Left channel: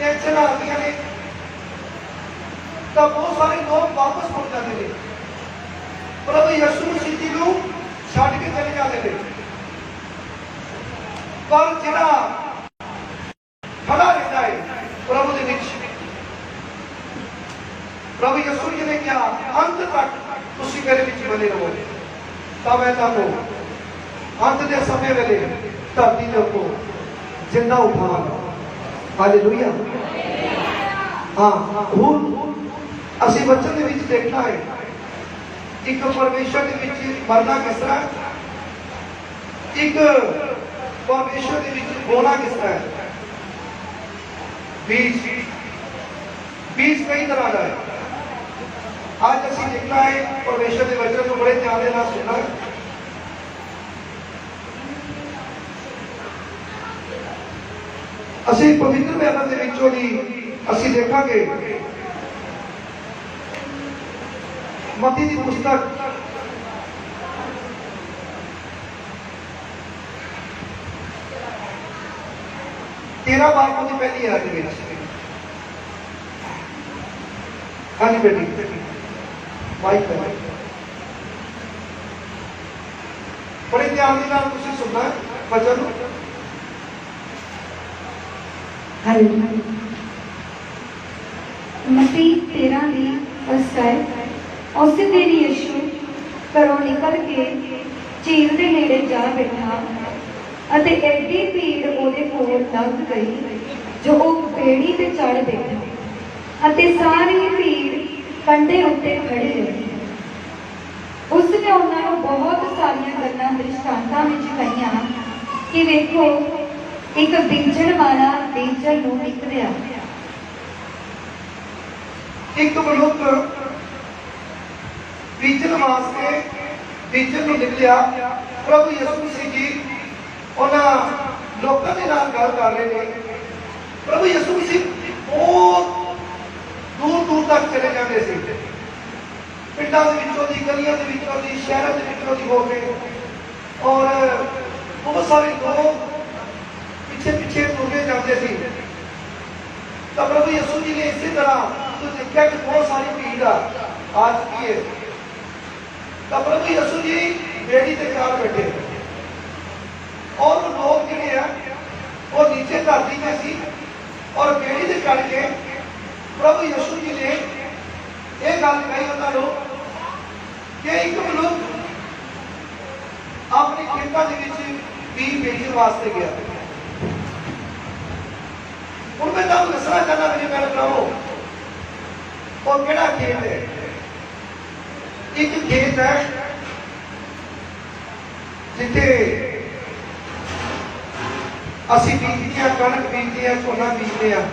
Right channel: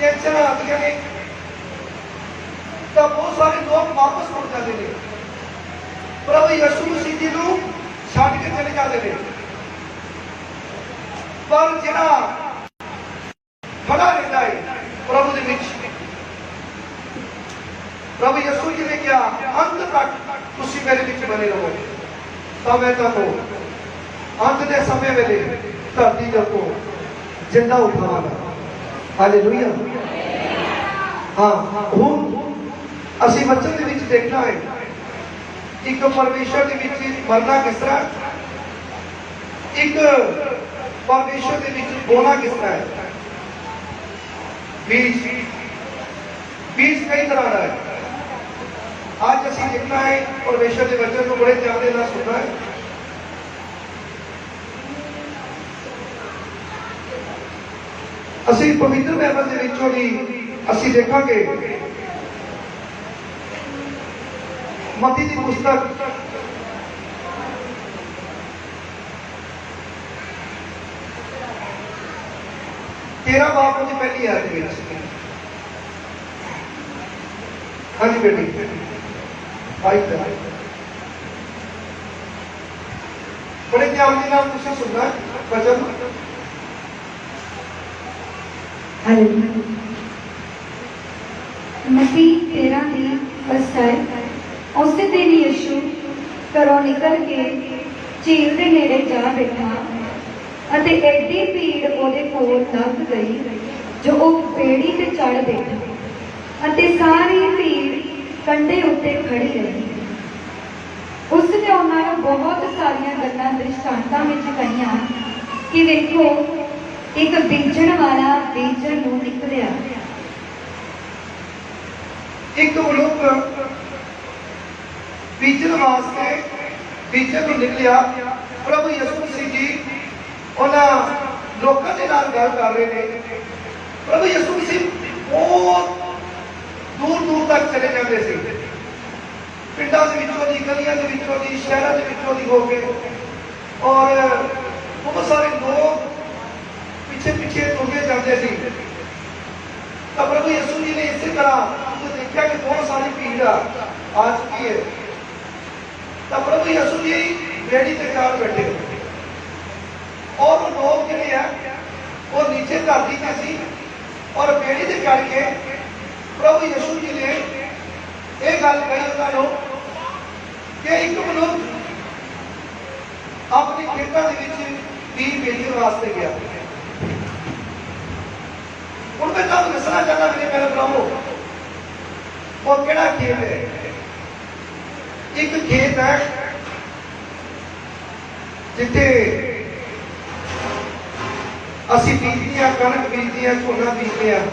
Tension आती ने तो बहुत सारे लोग वापस मुड़ जाते हैं, प्रभु यीशु मसीह जी को छड़ के चले जाते हैं। पर जिहड़ा खड़ा रहता है प्रभु के विच, प्रभु यीशु जी ने कहा अंत तक तुसीं मेरे विच बने रहो तो मैं तुहानूं अंत के समय वेले धरती दे को जिंदा उठावांगा। हालेलुया। हाँ, हुण असीं वचन दे विच देखना है एक परमेश्वर के विच मरना किस तरह, एक परमेश्वर के विच बोलना किस तरह है। बीज बीज कई तरह का है। आज असीं देखना है परमेश्वर के वचन को बड़े ध्यान के नाल सुनना है। असीं पवित्र बाइबल दे विचों दी असीं देखांगे मत्ती दी पुस्तक 13 बापों की पहली आयत है। हाँ जी बेटी माइक बड़े ध्यान के नाम तुझे सुनना है वचन। मसीह 13 ਦੀ ਵਸਤਾਏ ਉਸੇ ਦਿਨ ਯਿਸੂ ਘਰੋਂ ਨਿਕਲ ਕੇ ਝੀਲ ਦੇ ਨੇੜੇ ਜਾ ਬੈਠਾ ਅਤੇ ਐਡੀ ਭੀੜ ਉਹਦੇ ਕੋਲ ਲੱਗ ਗਈ ਜੋ ਉਹ ਬੇੜੀ ਤੇ ਚੜ ਬੈਠਾ ਅਤੇ ਸਾਰੀ ਭੀੜ ਕੰਢੇ ਉੱਤੇ ਖੜੀ ਰਹੀ। ਉਸਨੇ ਉਹਨਾਂ ਨੂੰ ਬਹੁਤ ਸਾਰੀਆਂ ਗੱਲਾਂ ਦ੍ਰਿਸ਼ਟਾਂਤਾਂ ਵਿੱਚ ਕਹੀਆਂ ਕਿ ਵੇਖੋ ਇੱਕ ਬੀਜਣ ਵਾਲਾ ਬੀਜਣ ਨੂੰ ਨਿਕਲਿਆ। एक मनुख बीजन वास्ते बीजन को निकलिया। प्रभु यीशु मसीह जी उन्होंने लोगों के नाल गल कर रहे हैं। प्रभु यीशु मसीह बहुत दूर दूर तक चले जाते थे, पिंडा के विचों दी, गलियां के विचों दी, शहरों के विचों दी हो गए और बहुत सारे लोग पीछे पीछे तुरते जाते थे। तो प्रभु यीशु जी ने इसी तरह देखा कि बहुत सारी भीड़ आ चुकी है। तो प्रभु यीशु जी बेड़ी से चार बैठे और लोग जिहड़े हैं वो नीचे धरती में सी और बेड़ी से चढ़ के प्रभु यीशु जी ने यह गल कही उन्होंने कि एक मनुख अपने खेतों के बीज बेचने वास्ते गया। हूँ मैं तुम दसना चाहता मेरे मेरे भराओ वो केड़ा खेत है। एक खेत है जिथे असी बीजते हैं, कणक बीजते हैं, झोना बीजते हैं,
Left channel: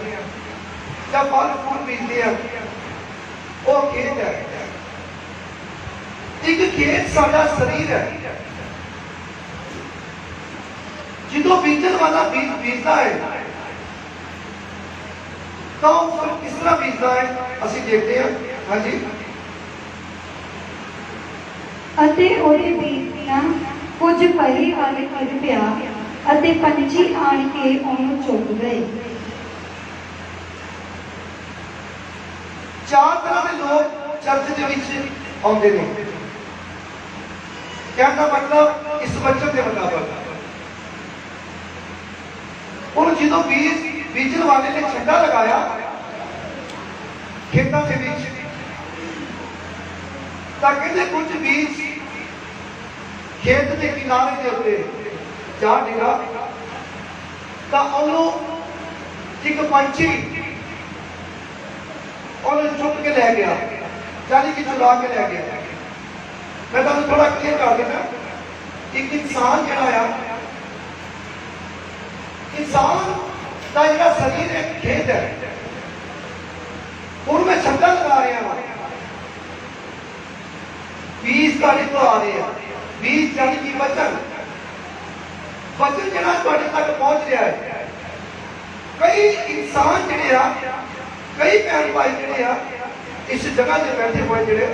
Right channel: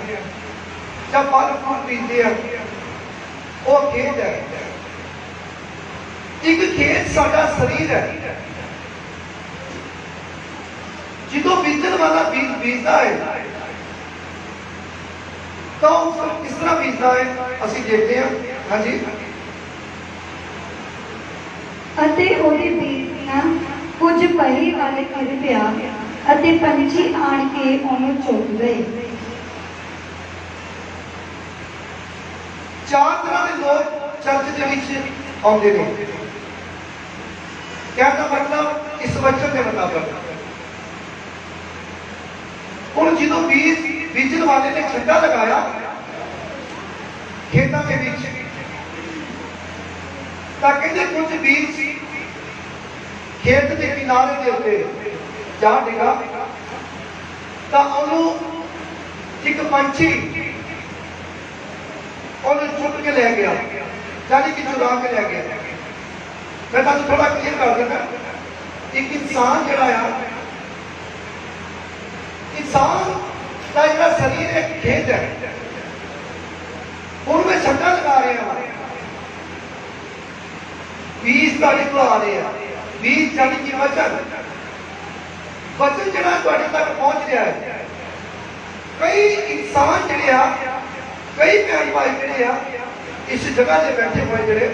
या फल फूल बीजते हैं, वो खेत है। एक खेत साडा शरीर है। जो बीजन वाला बीज बीजता है तो किस तरह बीजता है असी देखते हैं। हाँ जी। ਅਤੇ ਉਹਦੇ ਬੀਜ ਦੀਆਂ ਕੁਝ ਪਹਿਲੀ ਵਾਲੇ ਖਿੜ ਪਿਆ ਅਤੇ ਪੰਛੀ ਆਣ ਕੇ ਉਹਨੂੰ ਚੁੱਕ ਗਏ। चार तरह के लोग चर्च के विच आते हैं। क्या मतलब इस वचन के मुताबिक और जो बीज बीजन वाले ने छंडा लगाया खेतों के बीच, कहते कुछ बीज खेत के किनारे के उत्ते जा डिगा तो एक पंछी चुक के लै गया, यानी कि चुरा के लै गया। मैं तुम थोड़ा क्लियर कर देना। एक इंसान जड़ा इंसान का जरा शरीर एक खेत है, उनमें छक्का लगा रहे हैं। बीज का तो आ रहे हैं, बीज यानी कि वचन वचन जरा थोड़े तक पहुंच रहा है। कई इंसान जड़े कई भैन भाई जड़े इस जगह से बैठे हुए जड़े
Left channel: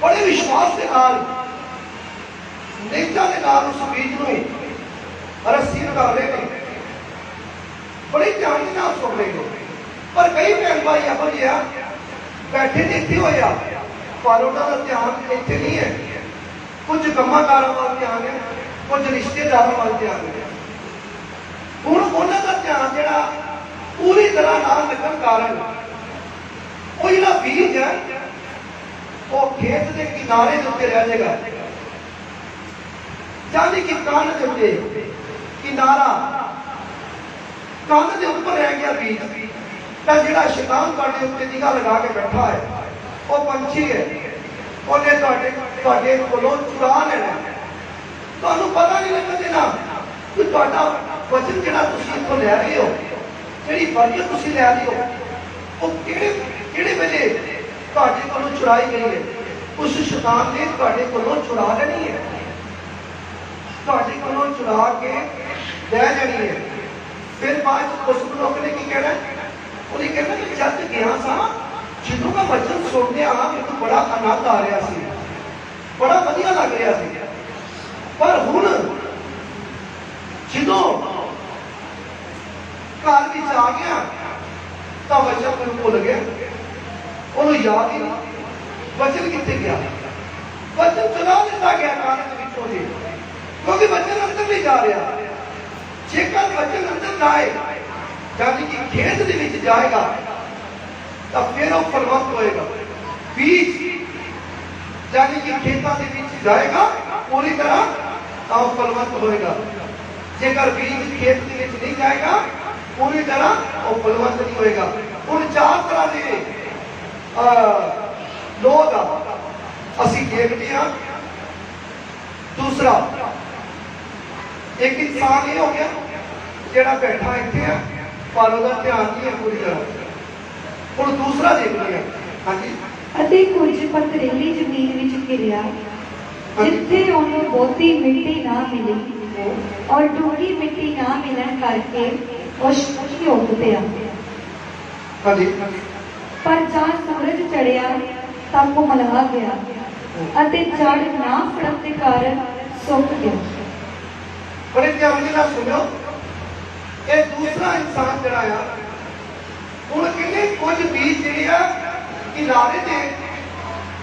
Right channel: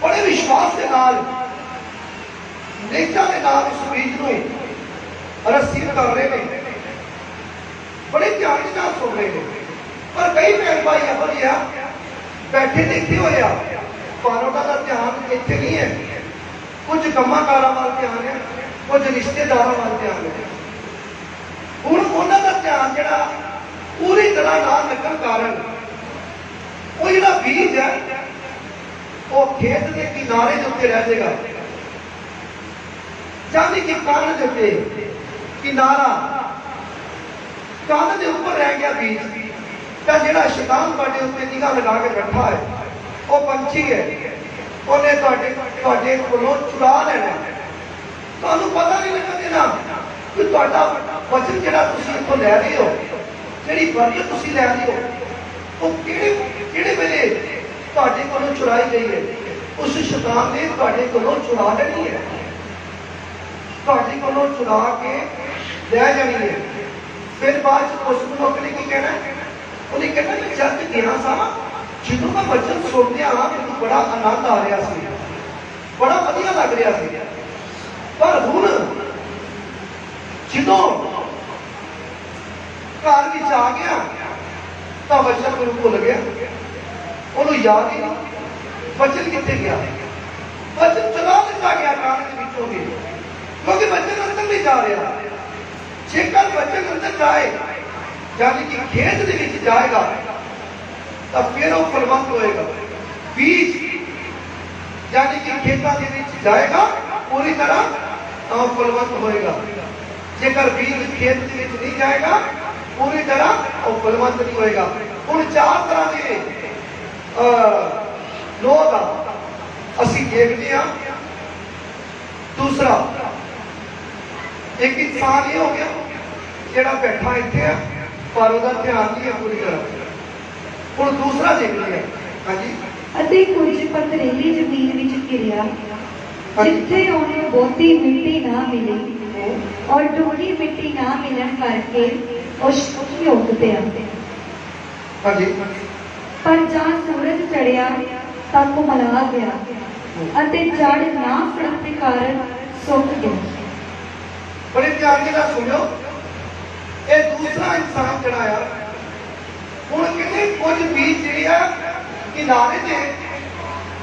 बड़े विश्वास के नाल नेता के नाल उस बीज में रसीद कर रहे हैं, बड़े ध्यान से नाल सुन रहे हैं। ਪਰ ਕਈ ਭੈਣ ਭਾਈ ਇਹੋ ਜਿਹੇ ਆ ਬੈਠੇ ਨੇ ਇੱਥੇ ਹੋਏ ਆ ਪਰ ਉਹਨਾਂ ਦਾ ਧਿਆਨ ਇੱਥੇ ਨਹੀਂ ਹੈ। ਕੁਝ ਕੰਮਾਂ ਕਾਰਾਂ ਵੱਲ ਧਿਆਨ ਹੈ, ਕੁਝ ਰਿਸ਼ਤੇਦਾਰਾਂ ਵੱਲ ਧਿਆਨ ਹੈ। ਹੁਣ ਉਹਨਾਂ ਦਾ ਧਿਆਨ ਜਿਹੜਾ ਪੂਰੀ ਤਰ੍ਹਾਂ ਨਾਲ ਲੱਗਣ ਕਾਰਨ ਉਹ ਜਿਹੜਾ ਬੀਜ ਹੈ ਉਹ ਖੇਤ ਦੇ ਕਿਨਾਰੇ ਦੇ ਉੱਤੇ ਰਹਿ ਜਾਏਗਾ, ਜਾਨੀ ਕਿ ਕੰਨ ਦੇ ਉੱਤੇ ਕਿਨਾਰਾ, ਕੰਨ ਦੇ ਉੱਪਰ ਰਹਿ ਗਿਆ ਬੀਜ। ਤਾਂ ਜਿਹੜਾ ਸ਼ੈਤਾਨ ਤੁਹਾਡੇ ਉੱਤੇ ਨਿਗਾਹ ਲਗਾ ਕੇ ਬੈਠਾ ਹੈ ਉਹ ਪੰਛੀ ਹੈ, ਉਹਨੇ ਤੁਹਾਡੇ ਕੋਲੋਂ ਚੁਰਾ ਲੈਣਾ। ਤੁਹਾਨੂੰ ਪਤਾ ਨਹੀਂ ਲੱਗਦਾ ਦੇਣਾ ਕਿ ਤੁਹਾਡਾ ਵਚਨ ਜਿਹੜਾ ਤੁਸੀਂ ਇੱਥੋਂ ਲੈ ਰਹੇ ਹੋ, ਜਿਹੜੀ ਬਰਕਤ ਤੁਸੀਂ ਲੈ ਰਹੇ ਹੋ, ਉਹ ਕਿਹੜੇ ਵੇਲੇ ਤੁਹਾਡੇ ਕੋਲੋਂ ਚੁਰਾਈ ਗਈ ਹੈ। ਉਸ ਸ਼ੈਤਾਨ ਨੇ ਤੁਹਾਡੇ ਕੋਲੋਂ ਚੁਰਾ ਲੈਣੀ ਹੈ, ਤੁਹਾਡੇ ਕੋਲੋਂ ਚੁਰਾ ਕੇ ਲੈ ਜਾਣੀ ਹੈ। ਫਿਰ ਬਾਅਦ ਚ ਕੁਝ ਲੋਕ ਨੇ ਕੀ ਕਹਿਣਾ, ਉਹਨੇ ਕਹਿਣਾ ਮੈਂ ਜਦ ਗਿਆ ਸਾਂ, ਜਦੋਂ ਮੈਂ ਵਚਨ ਸੁਣਿਆ ਮੈਨੂੰ ਬੜਾ ਆਨੰਦ ਆ ਰਿਹਾ ਸੀ, ਬੜਾ ਵਧੀਆ ਲੱਗ ਰਿਹਾ ਸੀ, ਪਰ ਹੁਣ ਜਦੋਂ ਘਰ ਵਿੱਚ ਆ ਗਿਆ ਤਾਂ ਵਚਨ ਮੈਨੂੰ ਭੁੱਲ ਗਿਆ, ਉਹਨੂੰ ਯਾਦ ਹੀ ਨਹੀਂ ਵਚਨ ਕਿੱਥੇ ਗਿਆ। ਵਚਨ ਚਲਾ ਲਿੱਤਾ ਗਿਆ ਕਾਨ ਦੇ ਵਿੱਚੋਂ ਦੀ, ਕਿਉਂਕਿ ਵਚਨ ਅੰਦਰ ਨਹੀਂ ਜਾ ਰਿਹਾ। ਜੇਕਰ ਵਚਨ ਅੰਦਰ ਜਾਏ ਯਾਨੀ ਕਿ ਖੇਤ ਦੇ ਵਿੱਚ ਜਾਏਗਾ ਤਾਂ ਫਿਰ ਉਹ ਫਲਵੰਤ ਹੋਏਗਾ। ਬੀਜ ਯਾਨੀ ਕਿ ਖੇਤਾਂ ਦੇ ਵਿੱਚ ਜਾਏਗਾ ਪੂਰੀ ਤਰ੍ਹਾਂ ਤਾਂ ਉਹ ਫਲਵੰਤ ਹੋਏਗਾ। ਜੇਕਰ ਬੀਜ ਖੇਤ ਦੇ ਵਿੱਚ ਨਹੀਂ ਜਾਏਗਾ ਪੂਰੀ ਤਰ੍ਹਾਂ ਉਹ ਫਲਵੰਤ ਨਹੀਂ ਹੋਏਗਾ। ਹੁਣ ਚਾਰ ਤਰ੍ਹਾਂ ਦੇ ਲੋਕ ਅਸੀਂ ਦੇਖਦੇ ਹਾਂ। ਦੂਸਰਾ ਇੱਕ ਇਨਸਾਨ ਇਹ ਹੋ ਗਿਆ ਜਿਹੜਾ ਬੈਠਾ ਇੱਥੇ ਆ ਪਰ ਉਹਦਾ ਧਿਆਨ ਨਹੀਂ ਹੈ ਪੂਰੀ ਤਰ੍ਹਾਂ। ਹੁਣ ਦੂਸਰਾ ਦੇਖਦੇ ਹਾਂ। ਹਾਂਜੀ। ਅਤੇ ਕੁਝ ਪਥਰੀਲੀ ਜ਼ਮੀਨ ਵਿੱਚ ਗਿਰਿਆ, ਜਿੱਥੇ ਉਹਨੂੰ ਬਹੁਤੀ ਮਿੱਟੀ ਨਾ ਮਿਲੀ ਔਰ ਡੂੰਘੀ ਮਿੱਟੀ ਨਾ ਮਿਲਣ ਕਰਕੇ ਉਹ ਝੁਕ ਪਿਆ। ਹਾਂਜੀ। ਪਰ ਜਾਂ ਸੂਰਜ ਚੜਿਆ ਤਾਂ ਕੁਮਲਾ ਗਿਆ ਅਤੇ ਜੜ ਨਾ ਫੜਨ ਦੇ ਕਾਰਨ ਸੁੱਕ ਗਿਆ। ਬੜੇ ਧਿਆਨ ਨਾਲ ਸੁਣੋ, ਇਹ ਦੂਸਰਾ ਇਨਸਾਨ ਜਿਹੜਾ ਆ, ਹੁਣ ਕਿੰਨੇ ਕੁਝ ਬੀਜ ਜਿਹੜੇ ਆ ਕਿਨਾਰੇ ਤੇ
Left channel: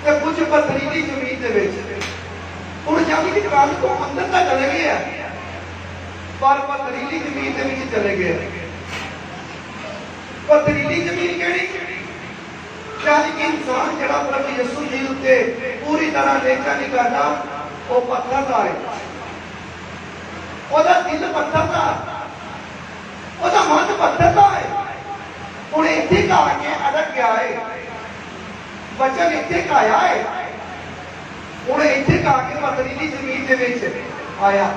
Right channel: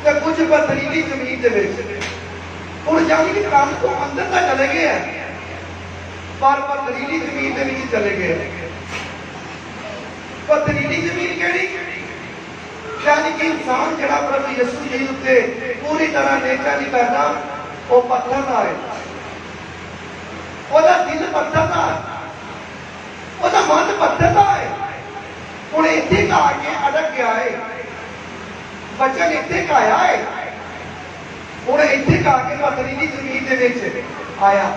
ਤੇ ਕੁਝ ਪਥਰੀਲੀ ਜ਼ਮੀਨ ਦੇ ਵਿੱਚ। ਹੁਣ ਜਾਨੀ ਕਿ ਕੰਨ ਤੋਂ ਅੰਦਰ ਤਾਂ ਚਲੇ ਗਏ ਆ ਪਰ ਪਥਰੀਲੀ ਜ਼ਮੀਨ ਦੇ ਵਿੱਚ ਚਲੇ ਗਏ। ਪਥਰੀਲੀ ਜ਼ਮੀਨ ਕਿਹੜੀ? ਯਾਨੀ ਕਿ ਇਨਸਾਨ ਜਿਹੜਾ ਪ੍ਰਭੂ ਯਿਸੂ ਜੀ ਉੱਤੇ ਪੂਰੀ ਤਰ੍ਹਾਂ ਨੇਚਾ ਨਹੀਂ ਕਰਦਾ, ਉਹ ਪੱਥਰ ਦਾ ਹੈ, ਉਹਦਾ ਦਿਲ ਪੱਥਰ ਦਾ, ਉਹਦਾ ਮਨ ਪੱਥਰ ਦਾ ਹੈ। ਹੁਣ ਇੱਥੇ ਆ ਕੇ ਅੜਕ ਗਿਆ ਹੈ, ਬਚਨ ਇੱਥੇ ਆਇਆ ਹੈ। ਹੁਣ ਇੱਥੇ ਆ ਕੇ ਪਥਰੀਲੀ ਜ਼ਮੀਨ ਦੇ ਵਿੱਚ ਆਇਆ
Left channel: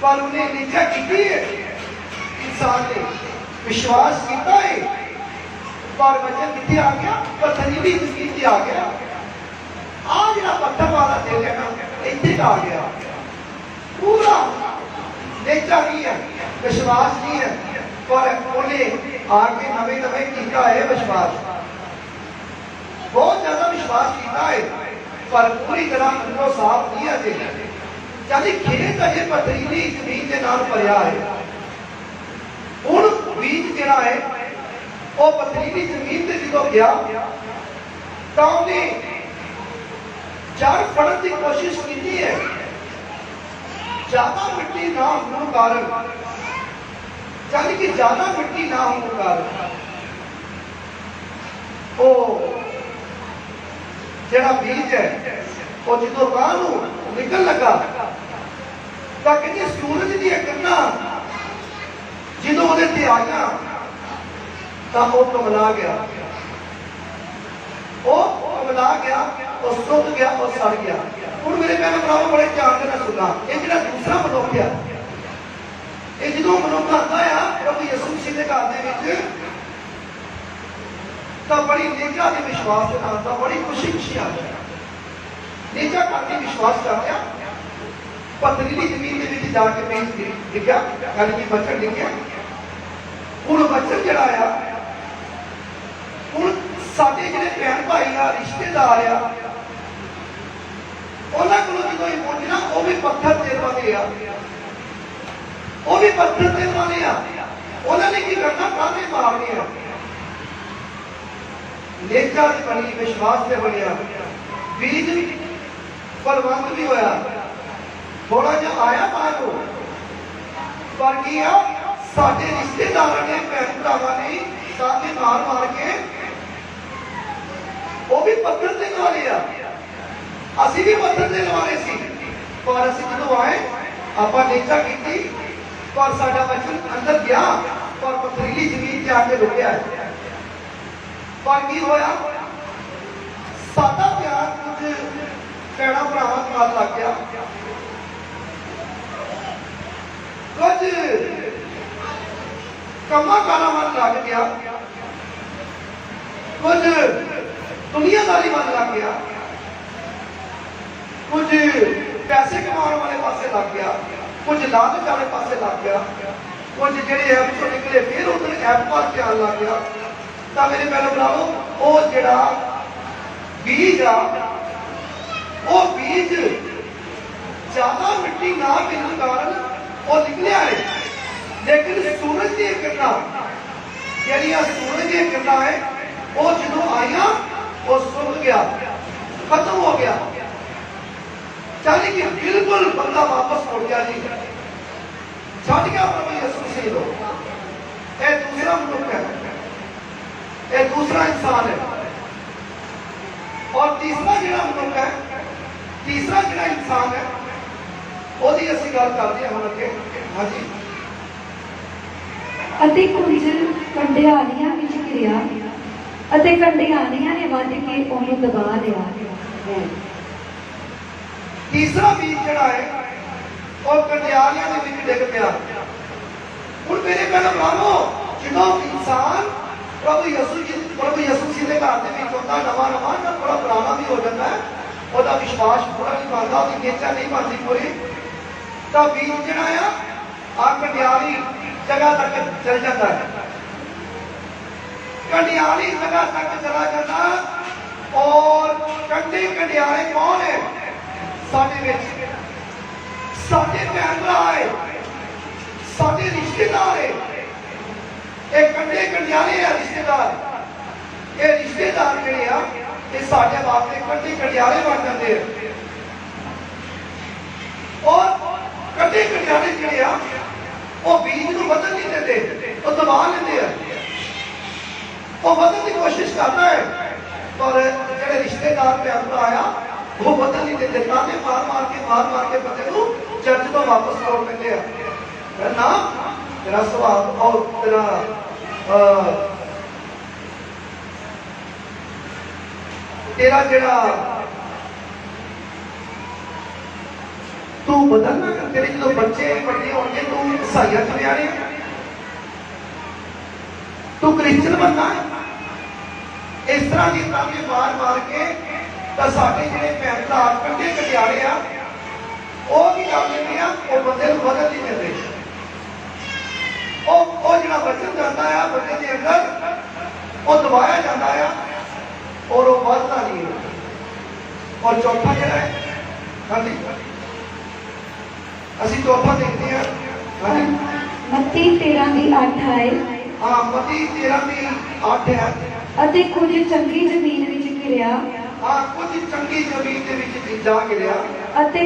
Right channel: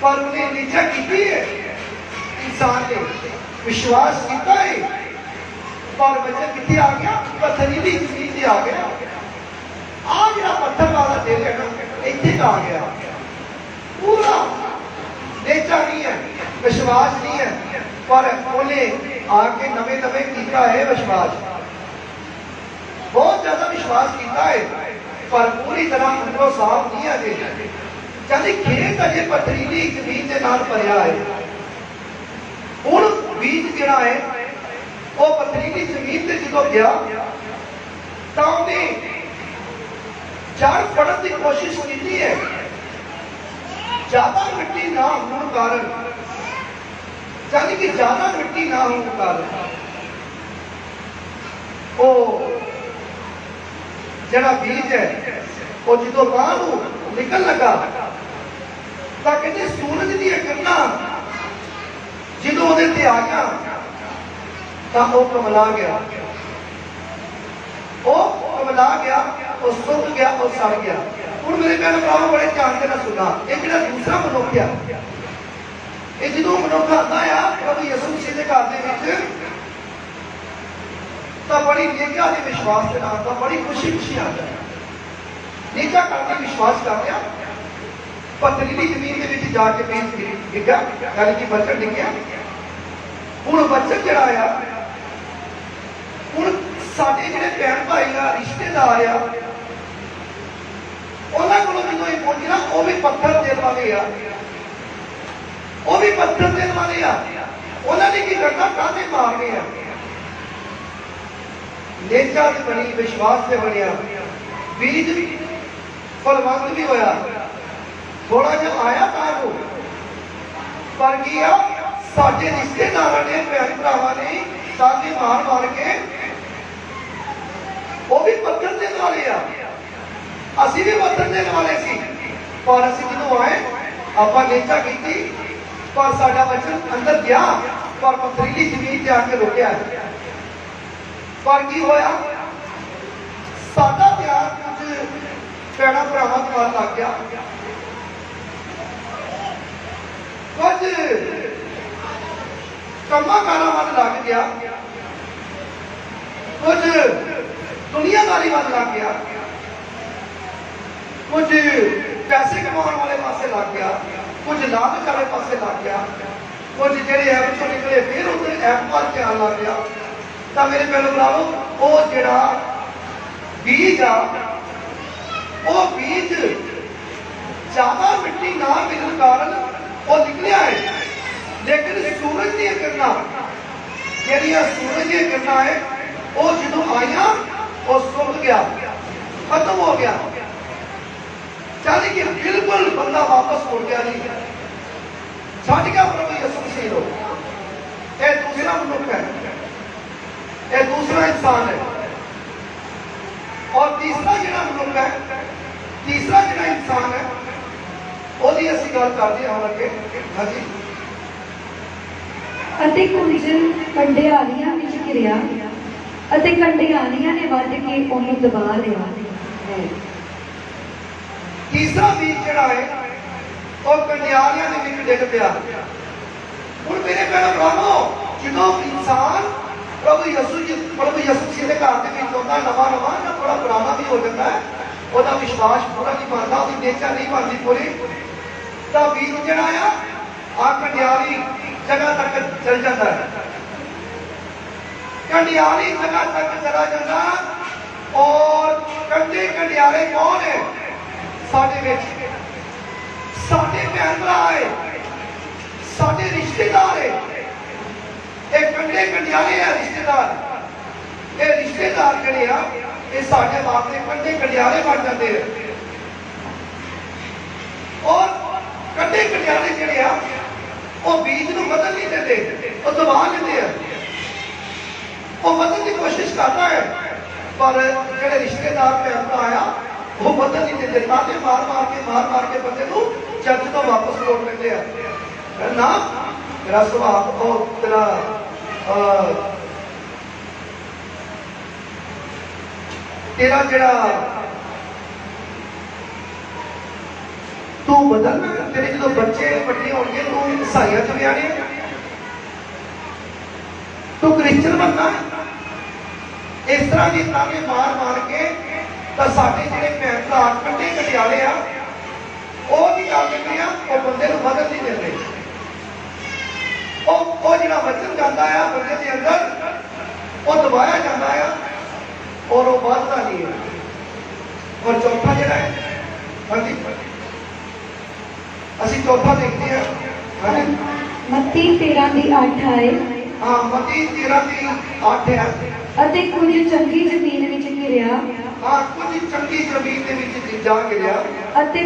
ਪਰ ਉਹਨੇ ਨਿਸ਼ਚਾ ਕੀਤੀ ਹੈ, ਇਨਸਾਨ ਨੇ ਵਿਸ਼ਵਾਸ ਕੀਤਾ ਹੈ, ਪਰ ਬਚਨ ਕਿੱਥੇ ਆ ਗਿਆ? ਪਥਰੀਲੀ ਜ਼ਮੀਨ ਤੇ ਆ ਗਿਆ। ਆ ਜਿਹੜਾ ਪੱਥਰ ਵਾਲਾ ਦਿਲ ਹੈ ਨਾ, ਇੱਥੇ ਆ ਗਿਆ। ਪੂਰਾ ਨੇਚਾ ਨਹੀਂ ਹੈ, ਵਿਸ਼ਵਾਸ ਨਹੀਂ ਹੈ, ਪਰ ਉਹਨੇ ਆ ਕੇ ਨਵੇਂ ਕੀਤਾ ਹੈ ਵਿਸ਼ਵਾਸ, ਬਹੁਤ ਜ਼ਿਆਦਾ ਵਿਸ਼ਵਾਸ ਕੀਤਾ ਹੈ, ਪਰ ਪੂਰੀ ਤਰ੍ਹਾਂ ਅੰਦਰੋਂ ਸਾਫ਼ ਨਹੀਂ ਅਜੇ। ਯਾਨੀ ਖੇਤ ਅਜੇ ਪਥਰੀਲੀ ਜ਼ਮੀਨ ਦੇ ਨਾਲ ਭਰਿਆ ਹੈ। ਹੁਣ ਬੀਜ ਜਿਹੜਾ ਹੈ ਉਹ ਪਥਰੀਲੀ ਜ਼ਮੀਨ ਤੇ ਜਦੋਂ ਗਿਆ ਤਾਂ ਉਹਨੇ ਜੜ ਫੜਨ ਦੀ ਕੋਸ਼ਿਸ਼ ਕੀਤੀ ਹੈ। ਜ਼ਿਆਦਾ ਮਿੱਟੀ ਨਾ ਹੋਣ ਕਾਰਨ, ਯਾਨੀ ਕਿ ਜ਼ਿਆਦਾ ਮਿੱਟੀ ਨਾ ਹੋਣ ਕਾਰਨ ਉਹ ਜਿਹੜਾ ਬੀਜ ਹੈ ਉਹ ਜਦੋਂ ਬਾਹਰ ਨੂੰ ਨਿਕਲ ਲੱਗਾ ਤਾਂ ਕਹਿੰਦੇ ਸੂਰਜ ਦੀਆਂ ਕਿਰਨਾਂ ਜਦੋਂ ਉਹਦੇ ਤੇ ਆਈਆਂ ਤਾਂ ਉਹ ਕਮਲਾ ਗਿਆ, ਉਹ ਸੁੱਕ ਗਿਆ, ਉਹ ਸੜ ਗਿਆ। ਹੁਣ ਮੇਰੇ ਭੈਣ ਭਰਾਵਾਂ ਬੜੇ ਧਿਆਨ ਨਾਲ ਸੁਣਾ, ਇਹ ਜਿਹੜਾ ਦੂਸਰਾ ਮਨੁੱਖ ਆ, ਇਹ ਜਦੋਂ ਮਨੁੱਖ ਆਉਂਦਾ ਆ ਪ੍ਰਭੂ ਯਿਸੂ ਮਸੀਹ ਦੇ ਘਰ ਦੇ ਵਿੱਚ ਤਾਂ ਬੜੀ ਨਿੱਘਾ ਦੇ ਵਿਸ਼ਵਾਸ ਦੇ ਨਾਲ, ਤਾਂ ਬੜੀ ਖੁਸ਼ੀ ਆਉਂਦਾ ਹੈ। ਨਿੱਘਾ ਕਰਕੇ ਵਿਸ਼ਵਾਸ ਕਰਦੇ ਆ, ਪਥਰੀਲੀ ਜ਼ਮੀਨ ਦੇ ਵਿੱਚ ਜਾ ਕੇ ਬੀਜ ਡਿੱਗਾ, ਯਾਨੀ ਕਿ ਬੱਚਨ ਡਿੱਗਿਆ। ਹੁਣ ਬੱਚਨ ਜਿਹੜਾ ਆ, ਹੁਣ ਸਾਡੇ ਜਿਹੜੇ ਭੈਣ ਭਾਈ ਆ, ਰਿਸ਼ਤੇਦਾਰ ਆ, ਉਹਨਾਂ ਕੋਲੋਂ ਜਦੋਂ ਇਹ ਪਹੁੰਚਣਾ ਉਹ ਵੀ ਪੱਥਰ ਦੇਣ ਵਾਲੇ ਆ, ਉਹ ਵੀ ਪੱਥਰ ਦੇਣ ਵਾਲੇ ਆ। ਉਹਨਾਂ ਨੇ ਕੀ ਕਰਨਾ? ਕਾਹਦੇ ਮਾਰਨੇ ਆ, ਨੇਚਾ ਵੀ ਬਣੀ, ਵਿਸ਼ਵਾਸ ਤੇ ਬਣਿਆ, ਬੀਜ ਫਲਵੰਤ ਵੀ ਹੋਇਆ। ਥੋੜਾ ਜਿਹਾ ਆਇਆ ਤਾਂ ਉਹ, ਪਰ ਕੀ ਆ, ਸਾਡੇ ਰਿਸ਼ਤੇਦਾਰਾਂ ਨੇ, ਭੈਣ ਭਰਾਵਾਂ ਨੇ ਸਾਡੀ ਮਾਰ ਮਾਰ ਕੇ ਉਹ ਵੀ ਪੱਥਰ ਦੇ ਵਾਲੇ ਆ, ਅਸੀਂ ਵੀ ਪੱਥਰ ਦੇ ਵਾਲੇ ਸੀ। ਪਰ ਅਸੀਂ ਜਦੋਂ ਆਏ ਆਪਾਂ ਨੇਚਾ ਕੀਤੀ, ਪਰ ਸਾਡਾ ਵਚਨ ਅੰਦਰ ਗਿਆ, ਪਰ ਪਥਰੀਲੀ ਜ਼ਮੀਨ ਤੇ ਆ ਕੇ ਰੁਕਿਆ। ਪਰ ਕੀ ਹੋਇਆ, ਸਾਡਾ ਪਿਆਰ ਕੁਝ ਭੈਣਾਂ ਭਰਾਵਾਂ ਨਾਲ ਲੱਗ ਗਿਆ, ਕੁਝ ਕੰਮਾਂ ਕਾਰਾਂ ਵੱਲ ਲੱਗ ਗਿਆ, ਕੁਝ ਦੁਨੀਆਦਾਰੀ ਵੱਲ ਲੱਗ ਗਿਆ, ਕੁਝ ਪੈਸੇ ਕਮਾਉਣ ਵਾਲੇ ਪਾਸੇ ਲੱਗ ਗਿਆ, ਕੁਝ ਲਾਲਚ ਵਾਲੇ ਪਾਸੇ ਲੱਗ ਗਿਆ, ਕੁਝ ਜਿਹੜੇ ਐਪ ਤੋਂ ਨਿਕਲੇ ਫਿਰ ਉਹ ਐਪ ਵੱਲ ਧਿਆਨ ਲੱਗ ਗਿਆ। ਤਾਂ ਮੇਰੇ ਭੈਣੋ ਭਰਾਵੋ, ਉਹ ਜਿਹੜਾ ਬੀਜ ਆ, ਉਹ ਬੀਜ ਜ਼ਿਆਦਾ ਮਿੱਟੀ ਨਾ ਮਿਲਣ ਕਾਰਨ ਉਹ ਨਿਕਲਿਆ ਹੈ। ਲੇਕਿਨ ਸੂਰਜ ਦੀਆਂ ਕਿਰਨਾਂ, ਜਿਹੜੀਆਂ ਸੂਰਜ ਦੀਆਂ ਕਿਰਨਾਂ ਹੈ, ਉਹ ਜਦੋਂ ਆਈਆਂ ਉਹ ਸੁੱਕ ਗਿਆ, ਖਤਮ ਹੋ ਗਿਆ। ਚਾਹੇ ਕਿ ਬਿਲਕੁਲ ਬੰਦਾ ਵਾਪਸ ਮੁੜ ਗਿਆ ਨਹੀਂ, ਛੱਡ ਗਿਆ ਪ੍ਰਭੂ ਯਿਸੂ ਮਸੀਹ ਨੂੰ। ਇਹ ਦੂਸਰਾ ਮਨੁੱਖ ਹੈ, ਇਹ ਦੂਸਰਾ ਇਨਸਾਨ ਹੈ। ਔਰ ਤੀਸਰਾ ਜਿਹੜਾ ਮਨੁੱਖ ਹੈ, ਤੀਸਰਾ ਜਿਹੜਾ ਇਨਸਾਨ ਹੈ, ਉਹਦੀ ਅਸੀਂ ਗੱਲ ਕਰਦੇ ਹਾਂ ਅੱਗੇ। ਹਾਂਜੀ। ਅਤੇ ਕੁਝ ਕੰਡਿਆਲੀਆਂ ਵਿੱਚ ਗਿਰਿਆ ਅਤੇ ਕੰਡਿਆਲੀਆਂ ਨੇ ਵੱਢ ਕੇ ਉਹਨੂੰ ਦਬਾ ਲਿਆ। ਤੀਸਰਾ ਬੀਜ ਜਿਹੜਾ ਹੈ ਉਹ ਕੰਡਿਆਲੀਆਂ ਦੇ ਵਿੱਚ ਡਿੱਗ ਪਿਆ। ਹੁਣ ਮੇਰੇ ਭੈਣੋ ਭਰਾਵੋ, ਜਦੋਂ ਇਨਸਾਨ ਪ੍ਰਭੂ ਯਿਸੂ ਜੀ ਦੇ ਘਰ ਦੇ ਵਿੱਚ ਆਉਂਦਾ, ਨਵਾਂ ਜਾਂ ਥੋੜਾ ਪੁਰਾਣਾ ਵੀ ਹੋ ਜਾਂਦਾ ਹੈ, ਉਹਦਾ ਵਿਸ਼ਵਾਸ ਪੂਰਾ ਨਹੀਂ ਬਣਦਾ, ਉਹਦੀ ਨੇਚਾ ਨਹੀਂ ਬਣਦੀ ਪੂਰੀ, ਤਾਂ ਬੀਜ ਜਿਹੜਾ ਆ ਕੰਡਿਆਲੀ ਜਗ੍ਹਾ ਤੱਕ ਚਲ ਜਾਂਦਾ ਹੈ। ਕੰਡਿਆਲੀ ਜਗ੍ਹਾ ਤੱਕ ਚਲਾ ਜਾਂਦਾ। ਔਰ ਕੰਡੇ ਕੰਡਿਆਲੇ ਕੌਣ ਹੈ ਸਾਡੇ ਵਿੱਚ? ਸਾਡੇ ਭੈਣ ਭਰਾ ਹੈ, ਸਾਡੇ ਰਿਸ਼ਤੇਦਾਰ ਹੈ। ਇਹ ਕੰਡੇ ਕੰਡਿਆਲੇ ਆ ਰਿਸ਼ਤੇਦਾਰ। ਇਹ ਰਿਸ਼ਤੇਦਾਰ ਜਿਹੜੇ ਆ, ਇਹ ਸਾਡੇ ਵਾਸਤੇ ਕੰਡੇ ਕੰਡਿਆਲੇ ਬਣ ਜਾਂਦੇ ਆ। ਔਰ ਕੰਡੇ ਕੰਡਿਆਲੇ ਜਿਹੜੇ ਆ, ਉਹ ਬੀਜ ਨੂੰ ਬਦਲ ਨਹੀਂ ਦਿੰਦੇ, ਉਹ ਦਬਾ ਲੈਂਦੇ ਆ। ਉਹ ਬਦਲਣ ਦੀ ਕੋਸ਼ਿਸ਼ ਕਰਦਾ ਹੈ, ਪਰ ਜਿਹੜੇ ਰਿਸ਼ਤੇਦਾਰ ਭੈਣ ਭਰਾ ਆ, ਉਹ ਬਦਲ ਨਹੀਂ ਦਿੰਦੇ। ਤਾਨੇ ਮਾਰ ਮਾਰ ਕੇ ਬੰਦੇ ਨੂੰ ਚਰਚ ਤੋਂ ਵਾਪਸ ਮੋੜ ਦਿੰਦੇ ਆ। ਨਾ ਤੇਰਾ ਸੁਭਾਅ ਔਰ ਤੇਰਾ ਜਿਹੜਾ ਤੂੰ ਬਦਲਣਾ, ਤੇਰੇ ਜਦੋਂ ਬੱਚੇ ਵੱਡੇ ਹੋਣਗੇ, ਤੂੰ ਈਸਾਈਆਂ ਚ ਵਿਆਹਣੇ, ਤੂੰ ਕ੍ਰਿਸਚਨ ਬਣਨਾ। ਇਸ ਤਰ੍ਹਾਂ ਦੀ ਤਾਨੇ ਮਾਰ ਕੇ ਤਾਂ ਸਾਡੇ ਜਿਹੜੇ ਭੈਣ ਭਰਾ ਕੰਡੇ ਕੰਡਿਆਲੇ ਆ, ਉਹ ਵੀ ਕਰ ਦਿੰਦੇ ਆ, ਉਹ ਬੰਦੇ ਨੂੰ ਬਦਲ ਨਹੀਂ ਦਿੰਦੇ। ਉਹ ਜਿਹੜਾ ਵਚਨ ਜਾਂਦਾ ਆ ਬੰਦੇ ਦੇ ਅੰਦਰ, ਉਹ ਦਬਾਇਆ ਜਾਂਦਾ ਆ, ਔਰ ਉਹ ਵੱਧਦਾ ਨਹੀਂ ਹੈ। ਔਰ ਚੌਥਾ ਜਿਹੜਾ ਹੈ, ਹਾਂਜੀ ਅਸੀਂ ਚੌਥਾ ਦੇਖਦੇ ਹਾਂ। ਹਾਂਜੀ, ਮੱਤੀ 13:8 ਆਏ। ਹਾਂ, ਮੱਤੀ 13:8 ਹੈ। ਅਤੇ ਕੁਝ ਚੰਗੀ ਜ਼ਮੀਨ ਵਿੱਚ ਗਿਰਿਆ। ਹਾਂ, ਕੁਝ ਚੰਗੀ ਜ਼ਮੀਨ ਦੇ ਵਿੱਚ ਬੀਜਾ ਗਿਰਿਆ ਅਤੇ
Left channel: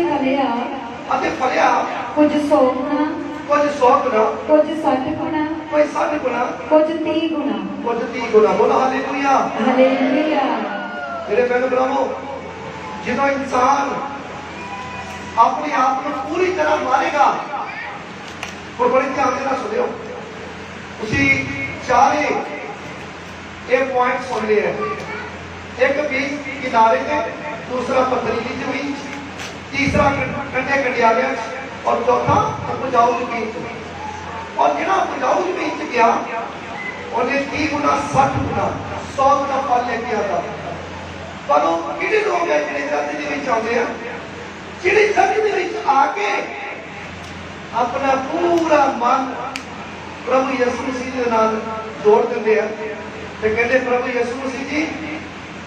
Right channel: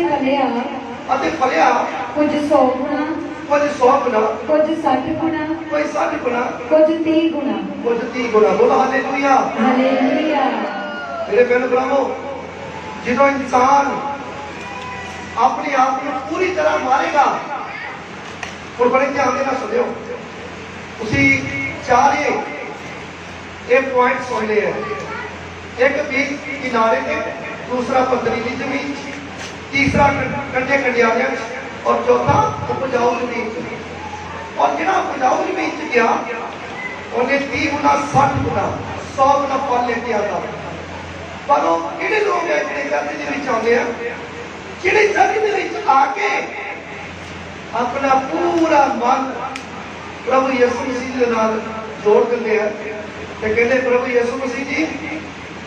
ਫਲਿਆ ਕੁਝ 100 ਗੁਣਾ, ਕੁਝ 100 ਗੁਣਾ, ਕੁਝ 60 ਗੁਣਾ, ਕੋਈ 60 ਗੁਣਾ, ਕੁਝ 30 ਗੁਣਾ। ਕੁਝ 30 ਗੁਣਾ। ਬੋਲੋ ਹਾਲੇਲੂਇਆ। ਹਾਲੇਲੂਇਆ। ਮੇਰੇ ਭੈਣ ਭਰਾਵੋ, ਜਦੋਂ ਇਨਸਾਨ ਆਪਣੇ ਆਪ ਨੂੰ ਪੂਰੀ ਤਰ੍ਹਾਂ ਮਾਰੇਗਾ, और बड़े ध्यान देना सुनियो, उसी चारे एक पॉइंट सुन लिए, एक बीच किनारे पे, दूसरा पथरीली जमीन, तीसरा कंडे कंडियाले और चौथा उपजाऊ जमीन। और जिहड़ा उपजाऊ जमीन च गया उन्हें 30 गुना 60 गुना 100 गुना फल लेके आता। पर वो किहड़े लोग है जिहड़े जगत दे विच आउंदे आ, जिहड़े जगत दे विच आके अपना पूरा मन प्रभु यीशु मसीह दे नाल जोड़ दिंदे आ ते कहंदे प्रभु यीशु मसीह जी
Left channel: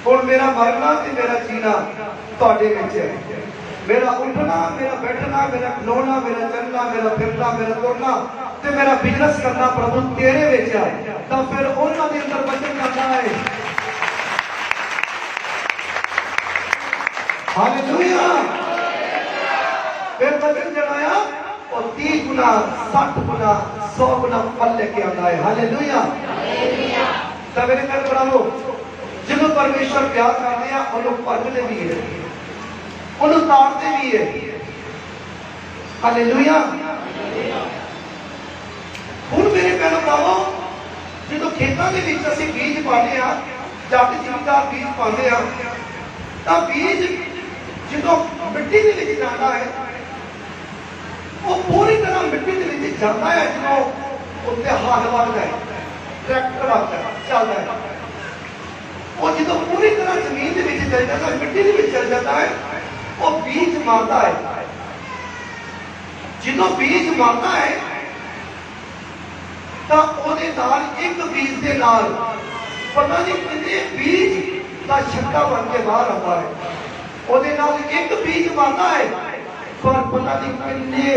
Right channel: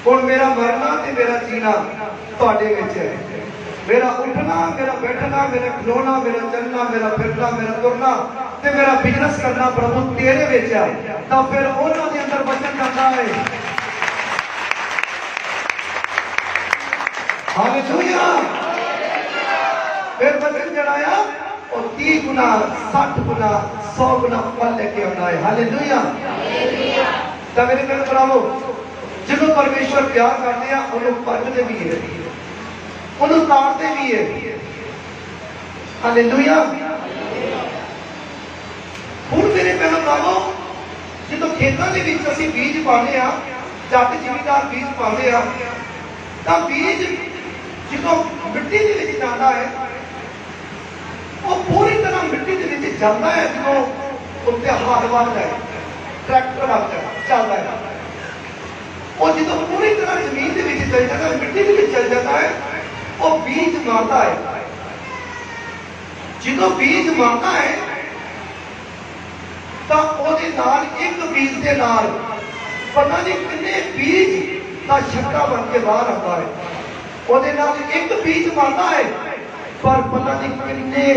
हुण मेरा मरना ते मेरा जीना तुहाडे विच है, मेरा उठना मेरा बैठना मेरा खलोना मेरा चलना मेरा फिरना मेरा तुरना ते मेरा बिजनेस करना प्रभु तेरे विच है। तां फिर उन्हां दे अंदर वचन करदा है हालेलुया। फिर वचन जड़ाया और 30 गुना 60 गुना 100 गुना फल लेके आना है। हालेलुया। तो मेरे मैं बनाओ जिन्हों परमेश्वर प्यार करते हैं उन्होंने भजते भी है, उन्होंने तारते भी है। हालेलुया। ਹੁਣ ਮੇਰੇ ਭੈਣੋ ਭਰਾਵੋ ਜਦੋਂ ਖੇਤਾਂ ਦੇ ਵਿੱਚ ਅਸੀਂ ਬੀਜ ਪਾਉਂਦੇ ਆ ਜਦ ਜ਼ਿਮੀਦਾਰ ਬੀਜ ਪਾਉਂਦੇ ਆ ਤਾਂ ਬੀਜ ਜਦੋਂ ਮਿੱਟੀ ਦੇ ਵਿੱਚ ਜਾਂਦਾ ਹੈ ਉਹ ਪੂਰੀ ਤਰ੍ਹਾਂ ਮਿੱਟੀ ਦੇ ਵਿੱਚ ਜਾਂਦਾ ਹੈ। ਜਦੋਂ ਉੱਤੇ ਹੱਥ ਵੱਧਦਾ ਹੈ, ਟਰੈਕਟਰ ਆਉਂਦਾ ਹੈ, ਚੱਲਦਾ ਹੈ, ਉਹ ਜਦੋਂ ਪੂਰੀ ਤਰ੍ਹਾਂ ਜ਼ਮੀਨ ਦੇ ਵਿੱਚ ਚਲ ਜਾਂਦਾ ਹੈ, ਮਿੱਟੀ ਦੇ ਵਿੱਚ ਚਲ ਜਾਂਦਾ ਹੈ, ਉਹ ਬੀਜ ਮਾਰਦਾ ਹੈ। ਜਦੋਂ ਬੀਜ ਮਾਰਦਾ ਹੈ ਤਾਂ ਉਹਦੇ ਨਾਲ ਇੱਕ ਬੀਜ ਦੇ ਨਾਲ ਪਤਾ ਨਹੀਂ ਕਿੰਨੇ ਬੀਜ ਦਾ ਛੱਕਾ ਬਣ ਕੇ ਬਾਹਰ ਆਉਂਦਾ ਹੈ। ਉਹਦੇ ਨਾਲ ਇੱਕ ਬੀਜ ਬਣਦਾ ਹੈ ਪਰ ਪਤਾ ਨਹੀਂ ਕਿੰਨੇ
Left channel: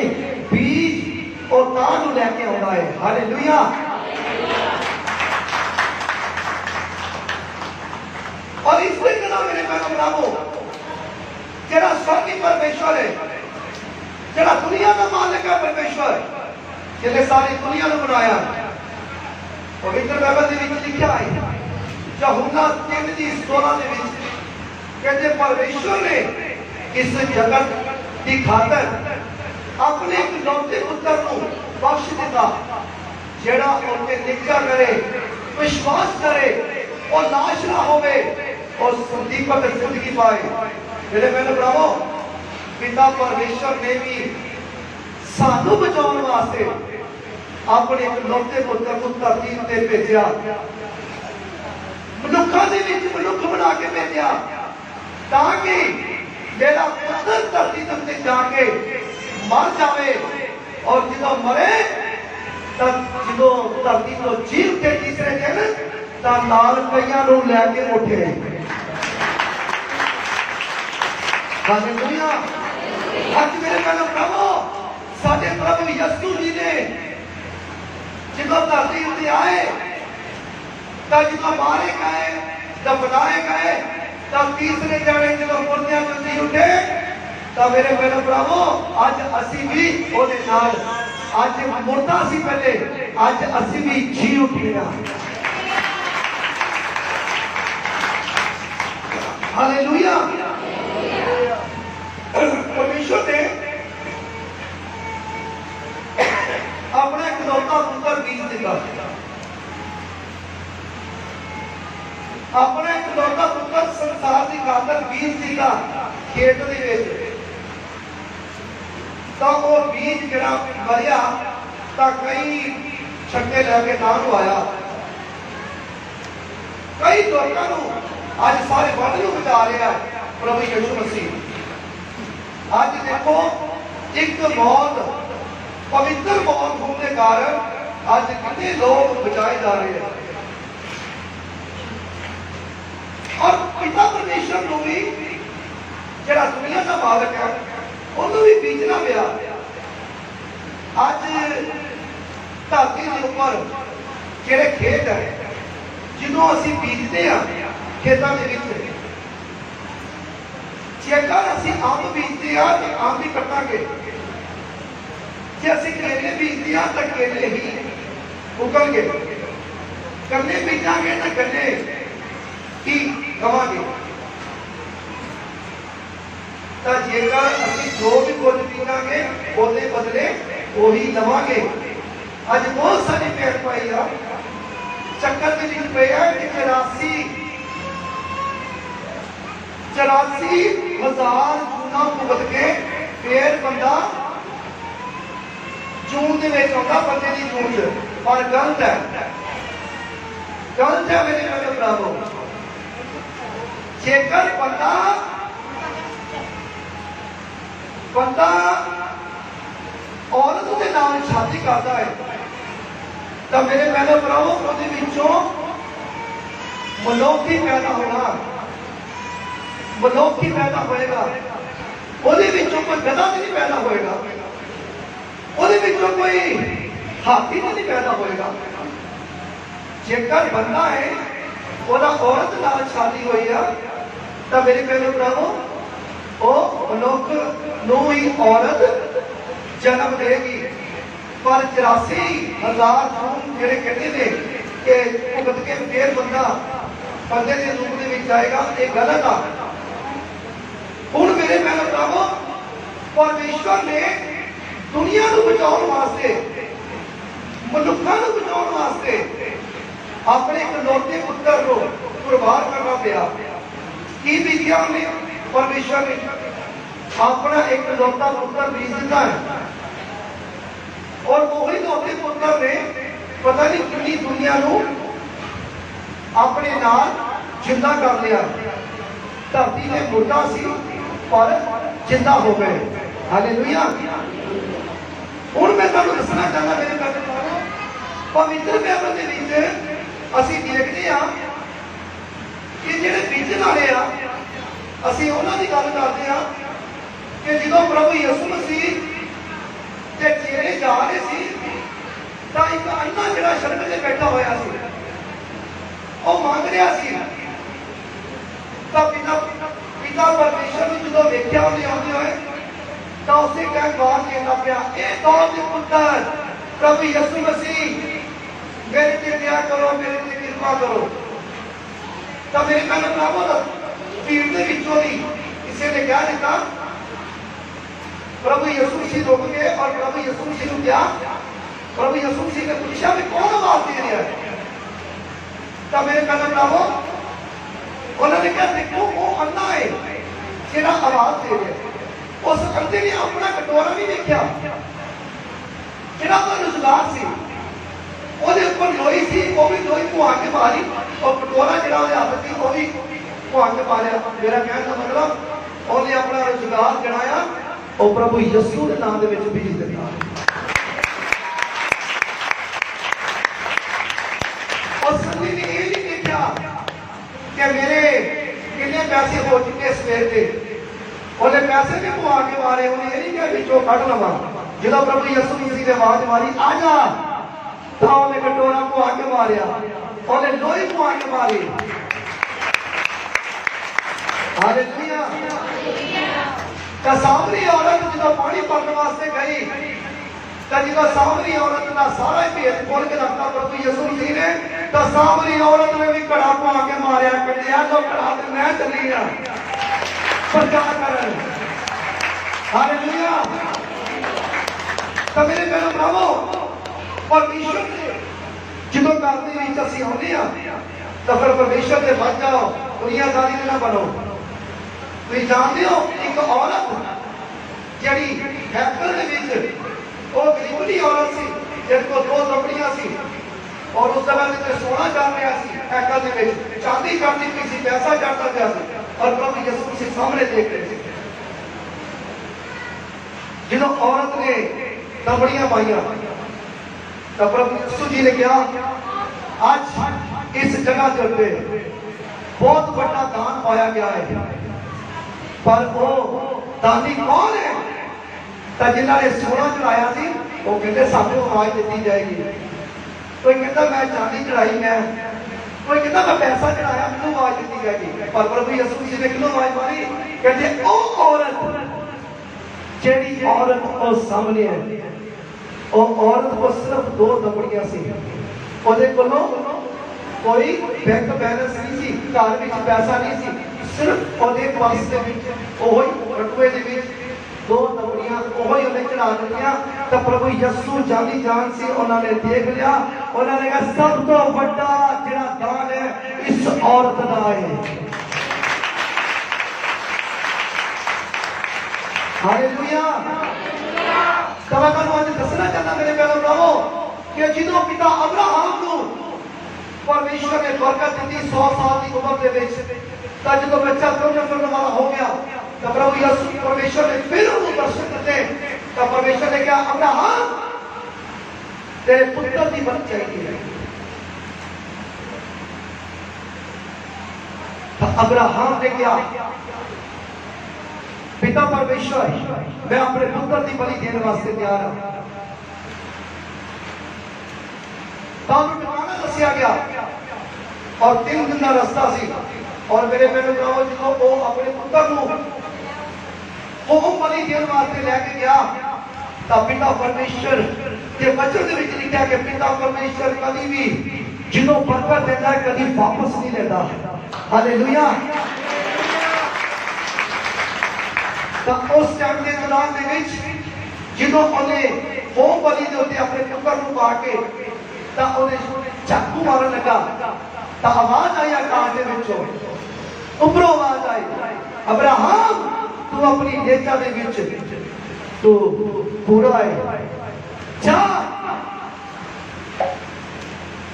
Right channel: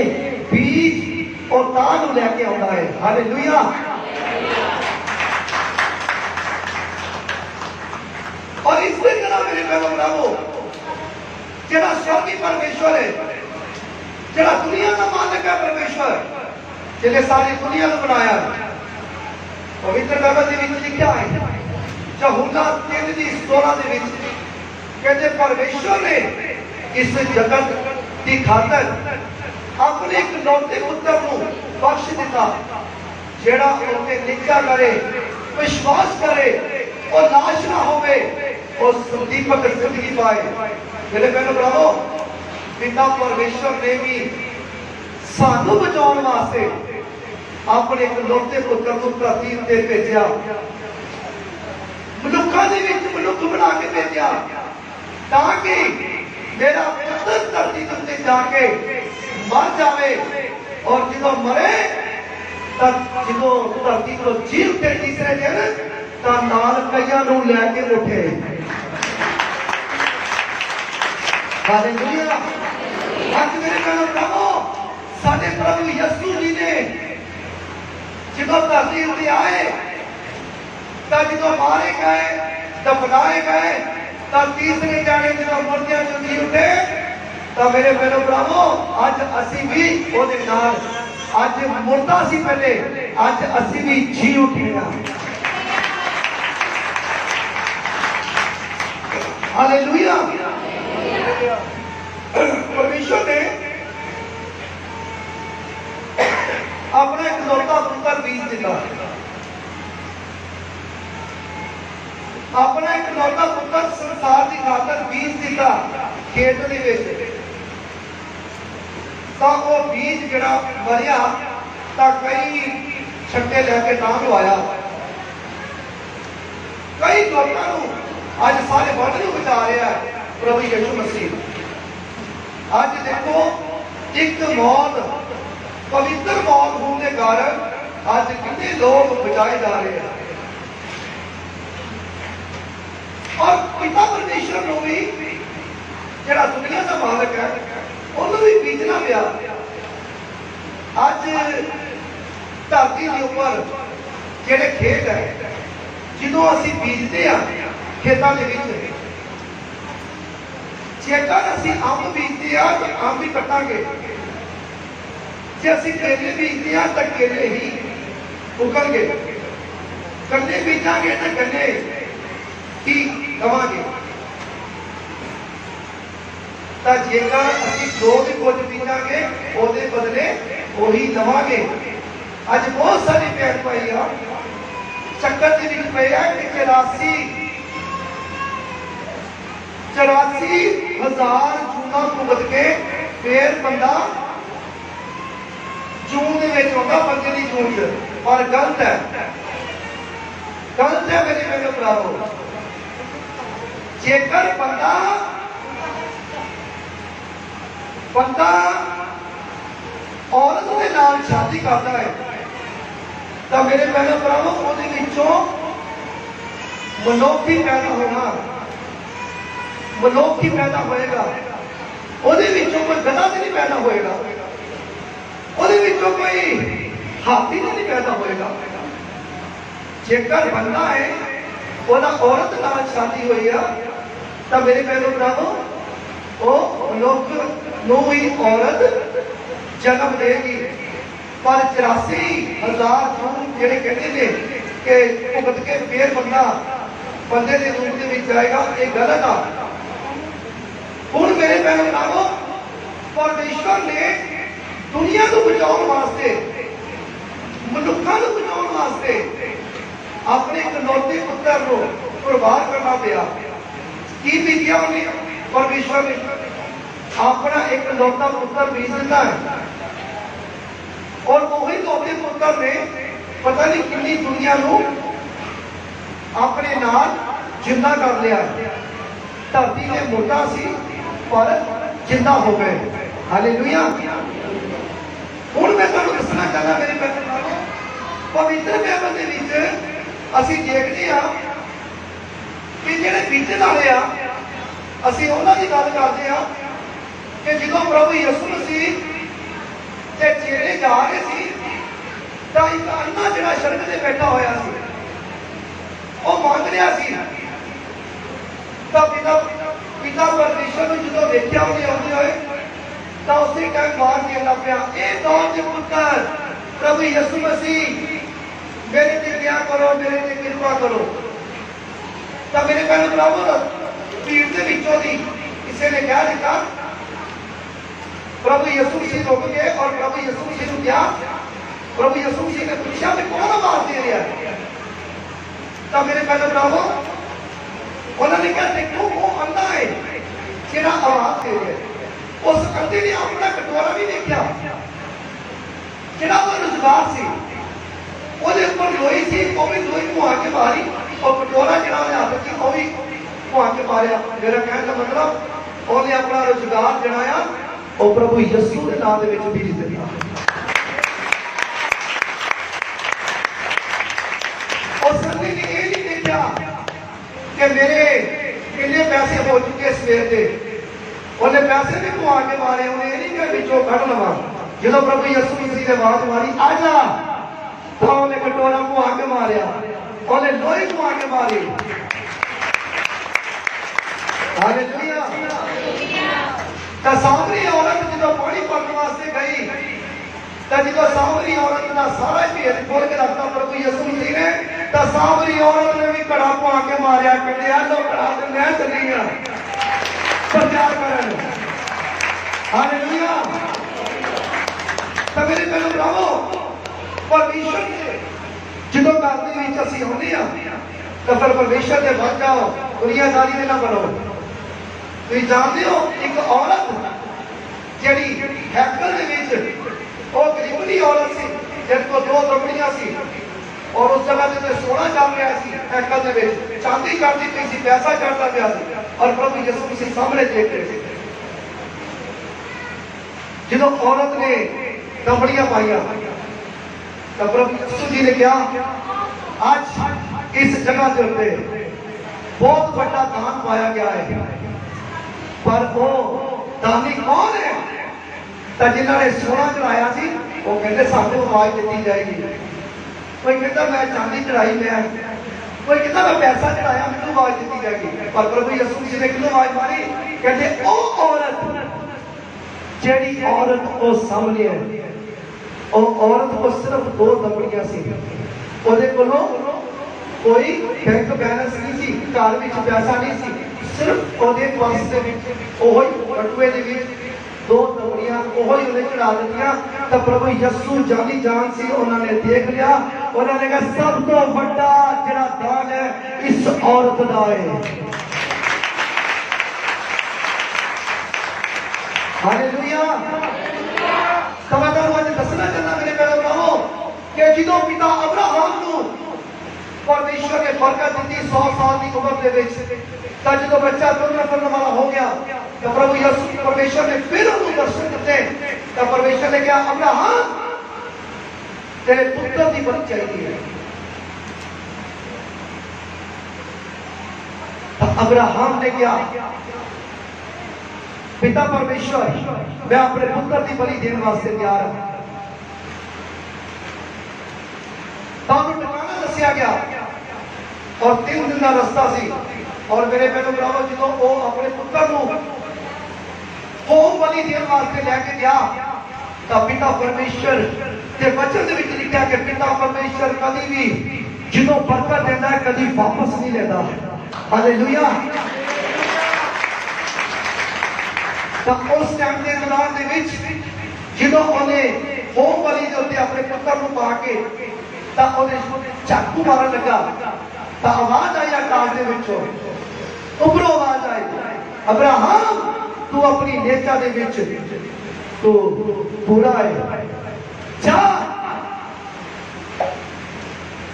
ਬੀਜ ਉਹ ਤਾਂ ਨੂੰ ਲੈ ਕੇ ਆਉਂਦਾ ਹੈ। ਹਾਲੇਲੂਇਆ। और इसी तरह मेरे पैरों बनाओ जरा स्वर्गी परमेश्वर है, जरा दुनिया का मालिक है परमेश्वर, जिन्हें सारी दुनिया को बनाया। पवित्र बाइबल के लिखा है यूहन्ना 3:16 कहते परमेश्वर ने इस जगत की खातर अपने इकलौते पुत्र को बख्श दिता जेड़ा उनके निकल करे, विश्वास करे और नाश ना होवे और दीपक जिंदगी पाए। मेरे बहन भराओ पिता परमेश्वर ने भी सानू बचाने वास्ते अपने इकलौते पुत्र को धरती उत्ते भेजा, मनुखा दे विच मनुख बना के भेजा ताकि मेरा पुत्र धरती उत्ते जाके मर जावे और जो मरे तब जो धरती को जी उठे तीसरे दिन ਤਾਂ ਨਾਲ ਕਈਆਂ ਨੂੰ ਲੈ ਕੇ ਉੱਠੇ। ਹਾਲੇਲੂਇਆ। ਅੱਜ ਮੇਰੇ ਕੋਲ ਪ੍ਰਭੂ ਸਾਡੇ ਪ੍ਰਭੂ ਯਿਸੂ ਜੀ ਨੇ ਜਦੋਂ ਧਰਤੀ ਉੱਤੇ ਆਏ ਤਾਂ ਜਦੋਂ ਮਾਰੇ ਗਏ ਦਫਨਾਏ ਗਏ ਤਾਂ ਤੀਸਰੇ ਦਿਨ ਜਦੋਂ ਮੁਰਦਿਆਂ ਤੋਂ ਜੀ ਉੱਠੇ ਤਾਂ ਮੇਰੇ ਕੋਲ ਪ੍ਰਭੂ ਅੱਜ ਅਸੀਂ ਵੀ ਉਹਦੇ ਨਾਲ ਅੱਜ ਮੁਰਦਾ ਸੀ ਪਹਿਲੇ ਅੱਜ ਅਸੀਂ ਵੀ ਜੀ ਉੱਠੇ ਹਾਂ। हालेलुया। परमेश्वर ने अपने इकलौता पुत्र बीज दिता, अपना इकलौता पुत्र संसार की खातर बीज दिता खेत दे विच तो वो बीज जरा मरिया तो कई छक्के लैके काम आया, कई लोगों आज सारे वर्ल्ड ਨੂੰ ਬਚਾ ਰਿਹਾ ਹੈ ਪ੍ਰਭੂ ਯਿਸੂ ਮਸੀਹ। ਅੱਜ ਦੇਖੋ ਇੱਕ ਮੌਤ ਪਵਿੱਤਰ ਮੌਤ ਹੋਣ ਦੇ ਕਾਰਨ ਅੱਜ ਕਿੰਨੇ ਲੋਕ ਬਚਾਏ ਜਾ ਰਹੇ ਹਨ। ਔਰ ਪਿਤਾ ਪਰਮੇਸ਼ਰ ਨੂੰ ਵੀ ਜਿਹੜਾ ਦੁਨੀਆ ਦਾ ਮਾਲਕ ਹੈ ਉਹਨੂੰ ਵੀ ਬੀਜਣਾ ਪਿਆ। ਅੱਜ ਧਰਤੀ ਦੇ ਉੱਪਰ ਜਿਹੜੇ ਖੇਤ ਹੈ ਜਦੋਂ ਅਸੀਂ ਬੀਜਦੇ ਆ खेतों के बीच जेकर असी अंब बीजते हैं तो अंब ही कटांगे, जे असी केले बीजते हैं तो केले ही उगलगे, गन्ने बीजांगे तो गन्ने ही लवांगे। तो जेकर असी जो भी कुछ बीजांगे उसके बदले वही लवांगे। अज बहुत सारी पेड़ पाई आ चक्कर के बीच पे है कि 84,000 जूना भुगत के फिर बंदा जून के आता बंदे की जून च, पर गलत है, गलत है मेरे मेरे भराओ। जेकर बंदा औरत के नाल शादी करता है तो मेरे मेरे भराओ वो मनुख ही पैदा होगा, मनुख ही पैदा होएगा, कोई गधा भी नहीं पैदा होएगा, कोई हाथी भी नहीं पैदा होएगा। जेकर बंदा है वो औरत नाल शादी हुई है तो मेरी पहले भराओ ਉਹ ਮਨੁੱਖ ਨੂੰ ਹੀ ਔਰਤ ਜਨਮ ਦੇਗੀ। ਪਰ 84,000 ਖੂਨ ਜਿਹੜੇ ਕਹਿੰਦੇ ਨੇ ਕਿ ਭੁਗਤ ਕੇ ਫੇਰ ਬੰਦੇ ਦੇ ਰੂਪ ਦੇ ਵਿੱਚ ਆਏਗਾ, ਇਹ ਗਲਤ ਆ। ਹੁਣ ਮੇਰੇ ਭੈਣ ਭਰਾਵੋ, ਪਰਮੇਸ਼ਵਰ ਨੇ ਦੁਨੀਆ ਨੂੰ ਬਚਾਉਣ ਵਾਸਤੇ, ਮਨੁੱਖਾਂ ਨੂੰ ਬਚਾਉਣ ਵਾਸਤੇ ਆਪਣੇ ਇਕਲੌਤੇ ਪੁੱਤਰ ਨੂੰ ਕੁਰਬਾਨ ਕਰਨਾ ਪਿਆ। ਕੀ ਵਿਗਿਆ ਉਹਨੇ? ਪਰਮੇਸ਼ਵਰ ਨੇ ਆਪਣਾ ਇਕਲੌਤਾ ਪੁੱਤਰ ਭੇਜ ਦਿੱਤਾ ਹੈ, ਔਰ ਉਹੀ ਇਕਲੌਤੇ ਪੁੱਤਰ ਨੇ ਪਤਾ ਨਹੀਂ ਕਿੰਨੀ ਦੁਨੀਆ ਨੂੰ ਆਪਣੇ ਨਾਲ ਜਿੰਦਾ ਕਰ ਲਿਆ। ਧਰਤੀ ਤੇ ਮੋਟਾ ਸੀ ਪਰ ਜਿੰਦਾ ਹੋ ਗਏ। ਹਾਲੇਲੂਇਆ। ਹੁਣ ਮੈਂ ਤੁਹਾਨੂੰ ਦੱਸਣਾ ਚਾਹੁੰਦਾ ਮੇਰੇ ਪਿਆਰੇ ਭਰਾਵੋ, ਪਵਿੱਤਰ ਬਾਈਬਲ ਦੇ ਵਿੱਚ ਅਸੀਂ ਦੇਖਦੇ ਹਾਂ ਕਿ ਜਿਹੜੇ ਬੀਜਣ ਵਾਲੇ ਆ, ਅਸੀਂ ਉਹਨਾਂ ਦੀ ਗੱਲ ਕਰਦੇ ਹਾਂ ਕਿ ਜਦੋਂ ਪ੍ਰਭੂ ਯਿਸੂ ਮਸੀਹ ਤੇ ਚੇਲੇ ਜਾ ਰਹੇ ਸੀ ਤਾਂ ਇੱਕ ਅੰਨਾ ਜਿਹੜਾ ਸੜਕ ਤੇ ਬੈਠਾ ਹੋਇਆ ਸੀ, ਉਹ ਮੰਗ ਰਿਹਾ ਸੀ। ਤਾਂ ਪਿਤਾ ਪਰਮੇਸ਼ਰ ਨੂੰ ਜਦੋਂ ਵੇਖਿਆ ਉਹਨੇ ਆਉਂਦੇ ਹੋਏ, ਤਾਂ ਉਸੇ ਟਾਈਮ ਬਾਹਰ ਦੇਣਾ ਪਿਆ, ਇਹ ਕੌਣ ਦੇ ਪੁੱਤਰ ਪ੍ਰਭੂ ਯਿਸੂ ਮਸੀਹ, ਮੇਰੇ ਤੇ ਦਇਆ ਕਰੋ, ਮੇਰੇ ਤੇ ਕਿਰਪਾ ਕਰੋ। ਤਾਂ ਮੇਰੇ ਭੈਣ ਭਰਾਵੋ, ਭੀੜ ਦੇ ਵਿੱਚੋਂ ਦੀ ਕਿਸੇ ਨੇ ਕਹਿ ਦਿੱਤਾ, ਪ੍ਰਭੂ ਯਿਸੂ ਮਸੀਹ ਰੁਕ ਗਏ ਔਰ ਪ੍ਰਭੂ ਯਿਸੂ ਮਸੀਹ ਨੂੰ ਕਿਹਾ, ਪ੍ਰਭੂ ਯਿਸੂ ਮਸੀਹ ਨੇ ਪੁੱਛਿਆ ਵੀ ਕੌਣ ਆਵਾਜ਼ ਦੇ ਰਿਹਾ ਹੈ? ਤਾਂ ਮੇਰੇ ਭੈਣ ਭਰਾਵੋ, ਉਹਨਾਂ ਨੇ ਕਿਹਾ ਦੇਖੋ ਉਹ ਅੰਨਾ ਹੈ ਜਿਹੜਾ ਆਵਾਜ਼ ਦੇ ਰਿਹਾ। ਉਸ ਅੰਨੇ ਨੇ ਆਪਣਾ ਕਟੋਰਾ ਨਹੀਂ ਦੇਖਿਆ, ਜਿਹੜਾ ਉਹ ਰੁਜ਼ਗਾਰ ਸੀ ਉਹਦੇ ਉੱਪਰ ਲੋਈ ਸੀ, ਉਹ ਵੀ ਲੋਈ ਧੁਆ ਕੇ ਮਾਰੀ, ਔਰ ਕਟੋਰਾ ਜਿਹੜਾ ਉਹਦੇ ਹੱਥ ਸੀ ਉਹ ਵੀ ਧੁਆ ਕੇ ਮਾਰਿਆ। ਮੇਰਾ ਕਹਿਣ ਦਾ ਮਤਲਬ ਉਹਨੇ ਆਪਣਾ ਰੁਜ਼ਗਾਰ ਜਿਹੜਾ ਆ ਉਹ ਪ੍ਰਭੂ ਯਿਸੂ ਦੇ ਨਾਮ ਦੇ ਵਿੱਚ ਭੇਜ ਦਿੱਤਾ। ਉਸ ਅੰਨੇ ਨੇ ਇਹ ਨਹੀਂ ਦੇਖਿਆ ਕਿ ਮੇਰੇ ਕਿੰਨੇ ਪੈਸੇ ਹੋ ਚੁੱਕੇ ਸਵੇਰ ਦੇ, ਉਹਨੇ ਪੈਸੇ ਵੀ ਪਵਾ ਕੇ ਮਾਰੇ। ਉਹਨੇ ਇਹ ਨਹੀਂ ਕਿਹਾ ਵਿੱਚੋਂ ਕੱਢ ਲਵਾਂ। ਜਦੋਂ ਪ੍ਰਭੂ ਯਿਸੂ ਮਸੀਹ ਨੇ ਆਵਾਜ਼ ਮਾਰੀ ਆ ਜਾ, ਤਾਂ ਉਹਨੇ ਕਟੋਰਾ ਪਵਾ ਕੇ ਮਾਰਿਆ, ਉਹਨੇ ਲੋਈ ਪਵਾ ਕੇ ਮਾਰੀ। ਹਾਲੇਲੂਇਆ। ਤਾਂ ਸਾਮਰੀ ਔਰਤ ਜਦੋਂ ਪਾਣੀ ਭਰਨ ਵਾਸਤੇ ਗਈ, ਤਾਂ ਜਦੋਂ ਸਾਮਰੀ ਔਰਤ ਦਾ ਸਾਰਾ ਢੇਰ ਖੋਲ ਕੇ ਰੱਖਤਾ ਪ੍ਰਭੂ ਯਿਸੂ ਮਸੀਹ ਨੇ, ਤਾਂ ਸਾਮਰੀ ਔਰਤ ਨੇ ਵੀ ਘੜਾ ਪਵਾ ਕੇ ਮਾਰਿਆ, ਕੱਢਿਆ ਲੋ ਘੜਾ ਤੇ ਮੈਂ ਚੱਲੀ ਆ ਪ੍ਰਚਾਰ ਕਰਨ। ਹਾਲੇਲੂਇਆ। ਤਾਂ ਮੇਰੇ ਭੈਣੋ ਭਰਾਵੋ, ਪਰਮੇਸ਼ਰ ਦੇ ਜਦੋਂ ਘਰ ਦੇ ਵਿੱਚ ਅਸੀਂ ਹੁੰਦੇ ਹਾਂ, ਤਾਂ ਫਿਰ ਪਰਮੇਸ਼ਰ ਦੇ ਵੱਲ ਜਾਓ, ਦੁਨੀਆਦਾਰੀ ਦੇ ਨਾ ਬਣੋ। ਤੁਸੀਂ ਜਾਣਦੇ ਹੋ ਇੱਕ ਔਰਤ ਜਿਹੜੀ ਹੈਕਲ ਦੇ ਵਿੱਚ, ਉਹ ਗਰੀਬ ਦੀ ਔਰਤ ਸੀ ਜਿਹਦੇ ਕੋਲ 2 ਦਮੜੀਆਂ ਸੀ, ਔਰ ਉਸ ਤਰ੍ਹਾਂ ਦੇ ਸੋਨਾ ਚੱਲ ਰਿਹਾ ਸੀ ਹੈਕਲ ਦੇ ਵਿੱਚ, ਚਾਂਦੀ ਕਰਦੀ ਪਈ ਸੀ, ਪੈਸਾ ਚੜਦਾ ਪਿਆ ਸੀ, ਔਰ ਪ੍ਰਭੂ ਯਿਸੂ ਮਸੀਹ ਸਾਹਮਣੇ ਦੇਖ ਰਹੇ ਸੀ। ਜਦੋਂ ਔਰਤ ਨੇ ਦਮੜੀਆਂ ਪਾਈਆਂ, ਤਾਂ ਪ੍ਰਭੂ ਯਿਸੂ ਜੀ ਨੇ ਕਿਹਾ ਅੱਜ ਇਸ ਜਗ੍ਹਾ ਦੇ ਉੱਤੇ ਬਹੁਤ ਵੱਡਾ ਦਾਨ ਪਾਇਆ ਗਿਆ ਹੈ, ਪਰ ਉਹ ਦਾਨੀ ਕੌਣ ਹੈ? ਤਾਂ ਜਿਨ੍ਹਾਂ ਨੇ ਸੋਨਾ ਚੜਾਇਆ ਸੀ ਉਹ ਕਹਿੰਦੇ ਸਾਨੂੰ ਆਵਾਜ਼ ਦਿੱਤੀ ਜਾਏਗੀ। ਕੋਈ ਕਹਿੰਦਾ ਮੈਂ ਚਾਂਦੀ ਚੜਾਈ, ਮੈਂ ਕੋਈ ਕਹਿੰਦਾ ਮੈਂ ਪੈਸਾ ਚੜਾਇਆ, ਮੈਨੂੰ ਆਵਾਜ਼ ਦਿੱਤੀ ਜਾਏਗੀ। ਪਰ ਪ੍ਰਭੂ ਯਿਸੂ ਮਸੀਹ ਨੇ ਕਿਹਨੂੰ ਆਵਾਜ਼ ਮਾਰੀ? ਕਹਿੰਦੇ ਉਹ ਔਰਤ, ਜਿਹੜੀ ਔਰਤ ਉਹ ਸਾਹਮਣੇ ਹੈ, ਉਹ ਔਰਤ ਕੋਲ ਸਿਰਫ 2 ਦਮੜੀਆਂ ਸੀ, ਉਹਦੇ ਕੋਲੋਂ ਕੋਈ ਬੈਂਕ ਬੈਲੈਂਸ ਨਹੀਂ ਸੀ, ਘਰ ਵਿੱਚ ਪੈਸਾ ਨਹੀਂ ਸੀ, ਸਿਰਫ ਉਹਦੇ ਪਰਸ ਦੇ ਵਿੱਚ ਉਹ ਬਟੂਏ ਦੇ ਵਿੱਚ 2 ਦਮੜੀਆਂ ਉਹ ਹੀ ਉਹਨੇ ਚੜਾ ਦਿੱਤੀਆਂ। ਤਾਂ ਪ੍ਰਭੂ ਯਿਸੂ ਜਾਨੀ ਜਾਨ ਸੀ, ਉਹਨਾਂ ਨੇ ਦੇਖ ਲਿਆ, ਉਹਨਾਂ ਨੇ ਕਿਹਾ ਸਭ ਤੋਂ ਵੱਡਾ ਜਿਹੜਾ ਦਾਨ ਹੈ ਇਸ ਔਰਤ ਦਾ ਹੈ। ਹਾਲੇਲੂਇਆ। ਤਾਂ ਮੈਂ ਤੁਹਾਨੂੰ ਅੱਜ ਦੱਸਣਾ ਚਾਹੁੰਦਾ ਮੇਰੇ ਪਿਆਰੇ ਭਰਾਵੋ ਕਿ ਜਦੋਂ ਪਿਤਾ ਅਬਰਾਹਮ ਨੂੰ ਪਰਮੇਸ਼ਰ ਨੇ ਬਰਕਤ ਦਿੱਤੀ 100 ਸਾਲ ਦੀ ਉਮਰ ਦੇ ਵਿੱਚ, ਤਾਂ ਜਦੋਂ ਬੱਚਾ ਤੁਰਨ ਫਿਰਨ ਵਾਲਾ ਹੋ ਗਿਆ, ਤਾਂ ਪ੍ਰਭੂ ਯਿਸੂ ਪਰਮੇਸ਼ਰ ਨੇ ਫਿਰ ਉਹਨੂੰ ਦਰਸ਼ਨ ਦਿੱਤੇ। ਤਾਂ ਪਰਮੇਸ਼ਰ ਨੇ ਕਿਹਾ ਅਬਰਾਹਮ ਤੇਰੇ ਪੁੱਤਰ ਦੀ ਬਲੀ ਚਾਹੀਦੀ ਹੈ। ਤਾਂ ਅਬਰਾਹਮ ਨੇ ਕਿਹਾ ਪਿਤਾ ਪਰਮੇਸ਼ਰ ਮੈਂ ਆਪਣੇ ਪੁੱਤਰ ਦੀ ਬਲੀ ਦੇਣ ਵਾਸਤੇ ਤਿਆਰ ਹਾਂ। ਤਾਂ ਉਹਨੂੰ ਟਿਕਾਣਾ ਦੱਸਿਆ ਗਿਆ, ਔਰ 3 ਦਿਨ ਦਾ ਰਸਤਾ ਸੀ। ਔਰ ਮੇਰੇ ਭੈਣੋ ਭਰਾਵੋ, ਜਦੋਂ ਉਹ ਆਪਣੇ ਪੁੱਤਰ ਨੂੰ ਉਹ ਬਲੀ ਦੇਣ ਵਾਸਤੇ ਲੈ ਕੇ ਗਿਆ ਤਾਂ ਪਿਤਾ ਪਰਮੇਸ਼ਰ ਦੇ ਵਚਨ ਦੇ ਵਿੱਚ ਲਿਖਿਆ ਕਿ ਪਿਤਾ ਪਰਮੇਸ਼ਰ ਕਦੀ ਵੀ ਜਿਹਨੂੰ ਬਰਕਤ ਦਿੰਦਾ ਹੈ ਕਦੀ ਵਾਪਸ ਨਹੀਂ ਲੈਂਦਾ। ਹਾਲੇਲੂਇਆ। ਤਾਂ ਉਸ ਟਾਈਮ ਦੇ ਦੌਰਾਨ ਦੇ ਵਿੱਚ ਜਦੋਂ ਉਹਨੇ ਉਹ ਬਲੀ ਦੇ ਉੱਤੇ ਆਪਣੇ ਪੁੱਤਰ ਨੂੰ ਪਾ ਕੇ ਤਾਂ ਉਹਨੇ ਚਾਕੂ ਮਾਰਨ ਲੱਗਾ ਤਾਂ ਆਵਾਜ਼ ਆਈ ਆਕਾਸ਼ ਦੇ ਵਿੱਚੋਂ, ਉੱਪਰੋਂ ਆਵਾਜ਼ ਆਈ, ਅਬਰਾਹਮ ਤੂੰ ਆਪਣੀ ਨੇਚਾ ਦੇ ਵਿੱਚ ਤੂੰ ਪੂਰਾ ਹੈ, ਜਾ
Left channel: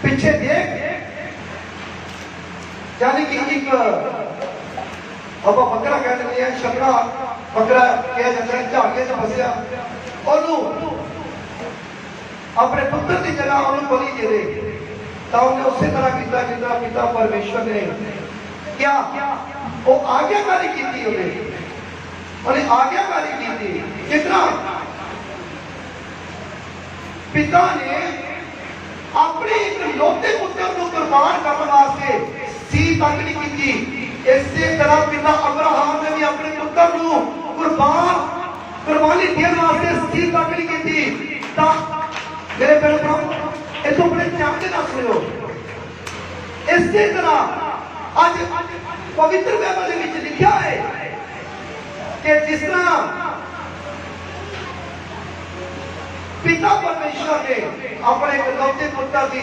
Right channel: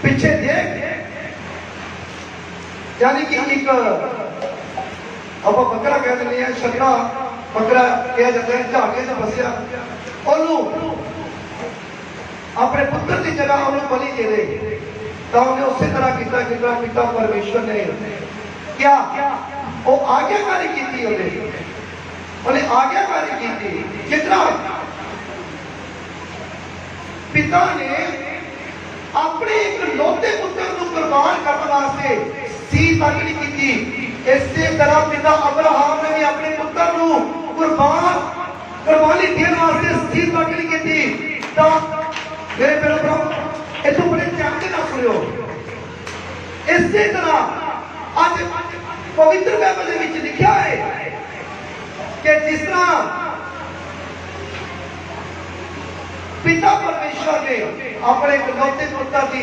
ਪਿੱਛੇ ਦੇਖ। यानी कि एक ਆਪਾਂ ਬੱਕਰਾ ਕਹਿ ਦਿੰਦੇ ਆ, ਸ਼ਕਰਾ ਬੱਕਰਾ ਕਿਹਾ ਜਾਂਦਾ ਹੈ, ਝਾੜੀਆਂ 'ਚ ਫਸਿਆ, ਉਹਨੂੰ ਆਪਣੇ ਪੁੱਤਰ ਦੀ ਤਰ੍ਹਾਂ ਉਹਨੂੰ ਬਲੀ ਦੇ ਦੇ। ਤਾਂ ਉਹਨੇ ਉਸੇ ਤਰ੍ਹਾਂ ਕੀਤਾ ਜਿਸ ਤਰ੍ਹਾਂ ਪਿਤਾ ਪਰਮੇਸ਼ਰ ਨੇ ਕਿਹਾ। ਉਹ ਆਗਿਆਕਾਰੀ ਕੀਤੀ, ਉਹਨੇ ਆਗਿਆਕਾਰੀ ਕੀਤੀ। ਕਿਤਨਾ ਪਿਤਾ ਨੇ ਆਪਣੇ ਇਕਲੌਤੇ ਪੁੱਤਰ ਨੂੰ ਕੁਰਬਾਨ ਕਰਨ ਵਾਸਤੇ ਸੀ ਤੱਕ ਨਹੀਂ ਕੀਤੀ। ਇਸੇ ਤਰ੍ਹਾਂ ਪਿਤਾ ਅਬਰਾਹਮ ਨੇ ਵੀ ਆਪਣੇ ਪੁੱਤਰ ਨੂੰ ਕੁਰਬਾਨੀ ਦੇਣ ਵਾਸਤੇ ਸੀ ਤੱਕ ਨਹੀਂ ਕੀਤੀ। ਤਾਂ ਮੇਰੇ ਬਿਲਕੁਲ ਇਥੋਂ ਬੜੇ ਚਾਹਤੇ ਨਾ ਸੁਣਿਓ। ਇਸੇ ਤਰ੍ਹਾਂ ਅੱਜ ਪਵਿੱਤਰ ਬਾਈਬਲ ਦੇ ਵਿੱਚ ਲਿਖਿਆ ਹੈ ਕਿ ਜਿਸ ਤਰ੍ਹਾਂ ਪਿਤਾ ਪਰਮੇਸ਼ਰ ਨੇ ਆਪਣੇ ਇਕਲੌਤੇ ਪੁੱਤਰ ਦੀ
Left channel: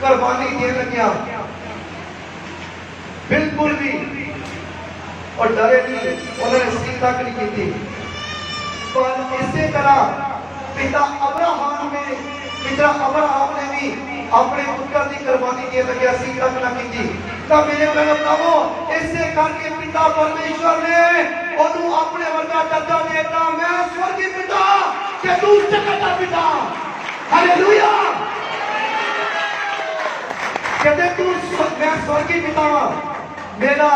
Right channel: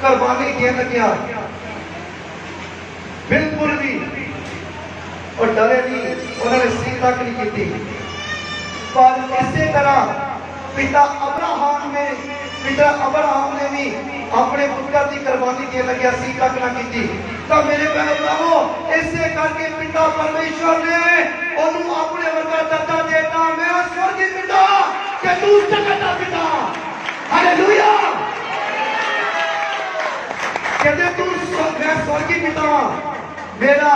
ਕੁਰਬਾਨੀ ਦੇਣ ਲੱਗਿਆ, ਬਿਲਕੁਲ ਵੀ और डरे नहीं, उन्होंने सीख तक नहीं की। पर इसी तरह पिता अब्राहम ने भी अपने पुत्र की कुर्बानी दे लगे, सीख तक ना की। तो मेरे बहनों भरावो, इसे करके पिता परमेश्वर ने उन्होंने अपने वर्गा दर्जा देता, मैं स्वर्गीय पिता के तू सकता पिता। हालेलुया। कहते तू मैं स्वर्गीय पिता, मेरा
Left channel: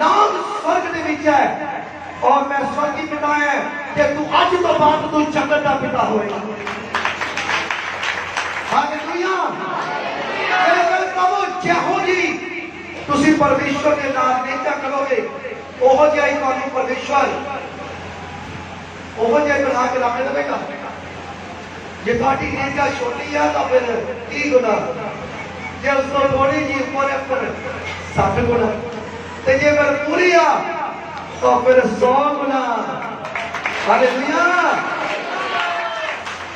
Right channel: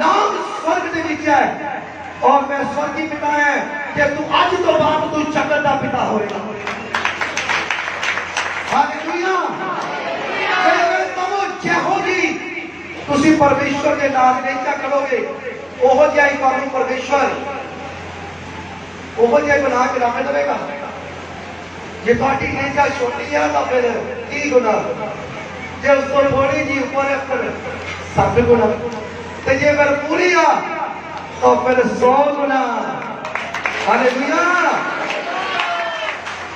नाम स्वर्ग ਦੇ ਵਿੱਚ ਹੈ और मैं स्वर्गीय पिता है कि तू ਅੱਜ ਤੋਂ ਬਾਅਦ ਤੂੰ ਜਗਤ ਦਾ ਪਿਤਾ ਹੋਏਗਾ। ਹਾਲੇਲੂਇਆ। ਮੇਰੇ ਕਹੋ ਜਿਹੋ ਜੀ ਤੁਸੀਂ ਪਰਮੇਸ਼ਰ ਦੇ ਨਾਲ ਨਹੀਂ ਕਰੋਗੇ, ਉਹੋ ਜਿਹਾ ਹੀ ਤੁਹਾਨੂੰ ਪਰਮੇਸ਼ਰ ਉਹੋ ਜਿਹਾ ਬਣਾ ਕੇ ਰੱਖ ਦੇਵੇਗਾ। ਜੇ ਤੁਹਾਡੀ ਨੇਚਾ ਛੋਟੀ ਆ ਤਾਂ ਫਿਰ 30 ਗੁਣਾ, ਜੇ ਉਸ ਤੋਂ ਥੋੜੀ ਜੀ ਉੱਪਰ ਹੈ 7 ਗੁਣਾ, ਤੇ ਜੇ ਫਿਰ ਪੂਰੀ ਆ ਤਾਂ ਫਿਰ 100 ਗੁਣਾ। ਹਾਲੇਲੂਇਆ।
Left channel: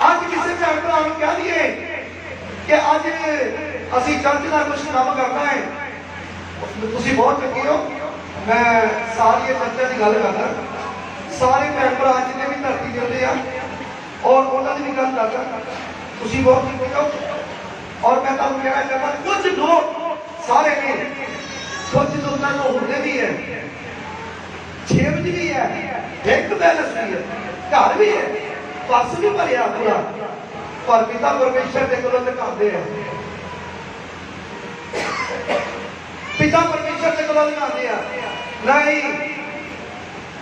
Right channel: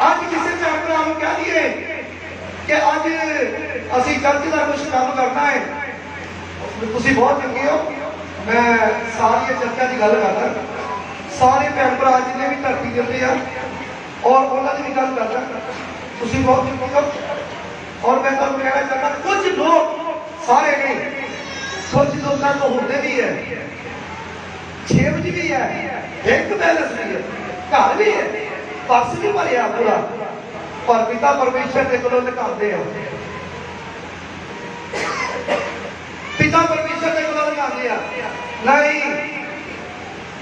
ਅੱਜ ਕਿਸੇ ਭੈਣ ਭਰਾ ਨੂੰ ਕਹਿ ਦਈਏ ਕਿ ਅੱਜ ਅਸੀਂ ਚਰਚ ਦਾ ਕੁਝ ਕੰਮ ਕਰਨਾ ਹੈ, ਤੁਸੀਂ ਬਹੁਤ ਚੰਗੇ ਹੋ, ਮੈਂ ਸਾਰੀਆਂ ਚਰਚਾਂ ਦੀ ਗੱਲ ਕਰਦਾ, ਸਾਰੇ ਭੈਣ ਭਰਾ ਜਿੰਨੇ ਵੀ ਧਰਤੀ ਦੇ ਉੱਤੇ ਆ ਔਰ ਉਹਨਾਂ ਦੀ ਵੀ ਗੱਲ ਕਰਦਾ, ਤੁਸੀਂ ਬਹੁਤ ਚੰਗੇ ਹੋ। ਔਰ ਮੈਂ ਤੁਹਾਨੂੰ ਕਹਿਣਾ ਚਾਹੁੰਦਾ, ਕੁਝ ਲੋਕ ਸਾਰੇ ਨੇ, ਕੁਝ ਲੋਕਾਂ ਨੂੰ ਹੁੰਦੇ ਵੀ ਹੈ, ਛੇਵਜ ਵੀ ਹੈ, ਇੱਕ ਬੈਲੈਂਸ ਵੀ ਹੈ, ਘਰ ਵੀ ਹੈ, ਪਰਸ ਵੀ ਭਰਿਆ ਪੂਰਾ, ਪਰ ਪਿਤਾ ਪਰਮੇਸ਼ਰ ਦੇ ਕੋਲੋਂ ਲੁਕਾਉਂਦੇ ਆ। ਪਿਤਾ ਪਰਮੇਸ਼ਰ ਦੇ ਕੋਲੋਂ ਲੁਕਾਉਂਦੇ ਆ,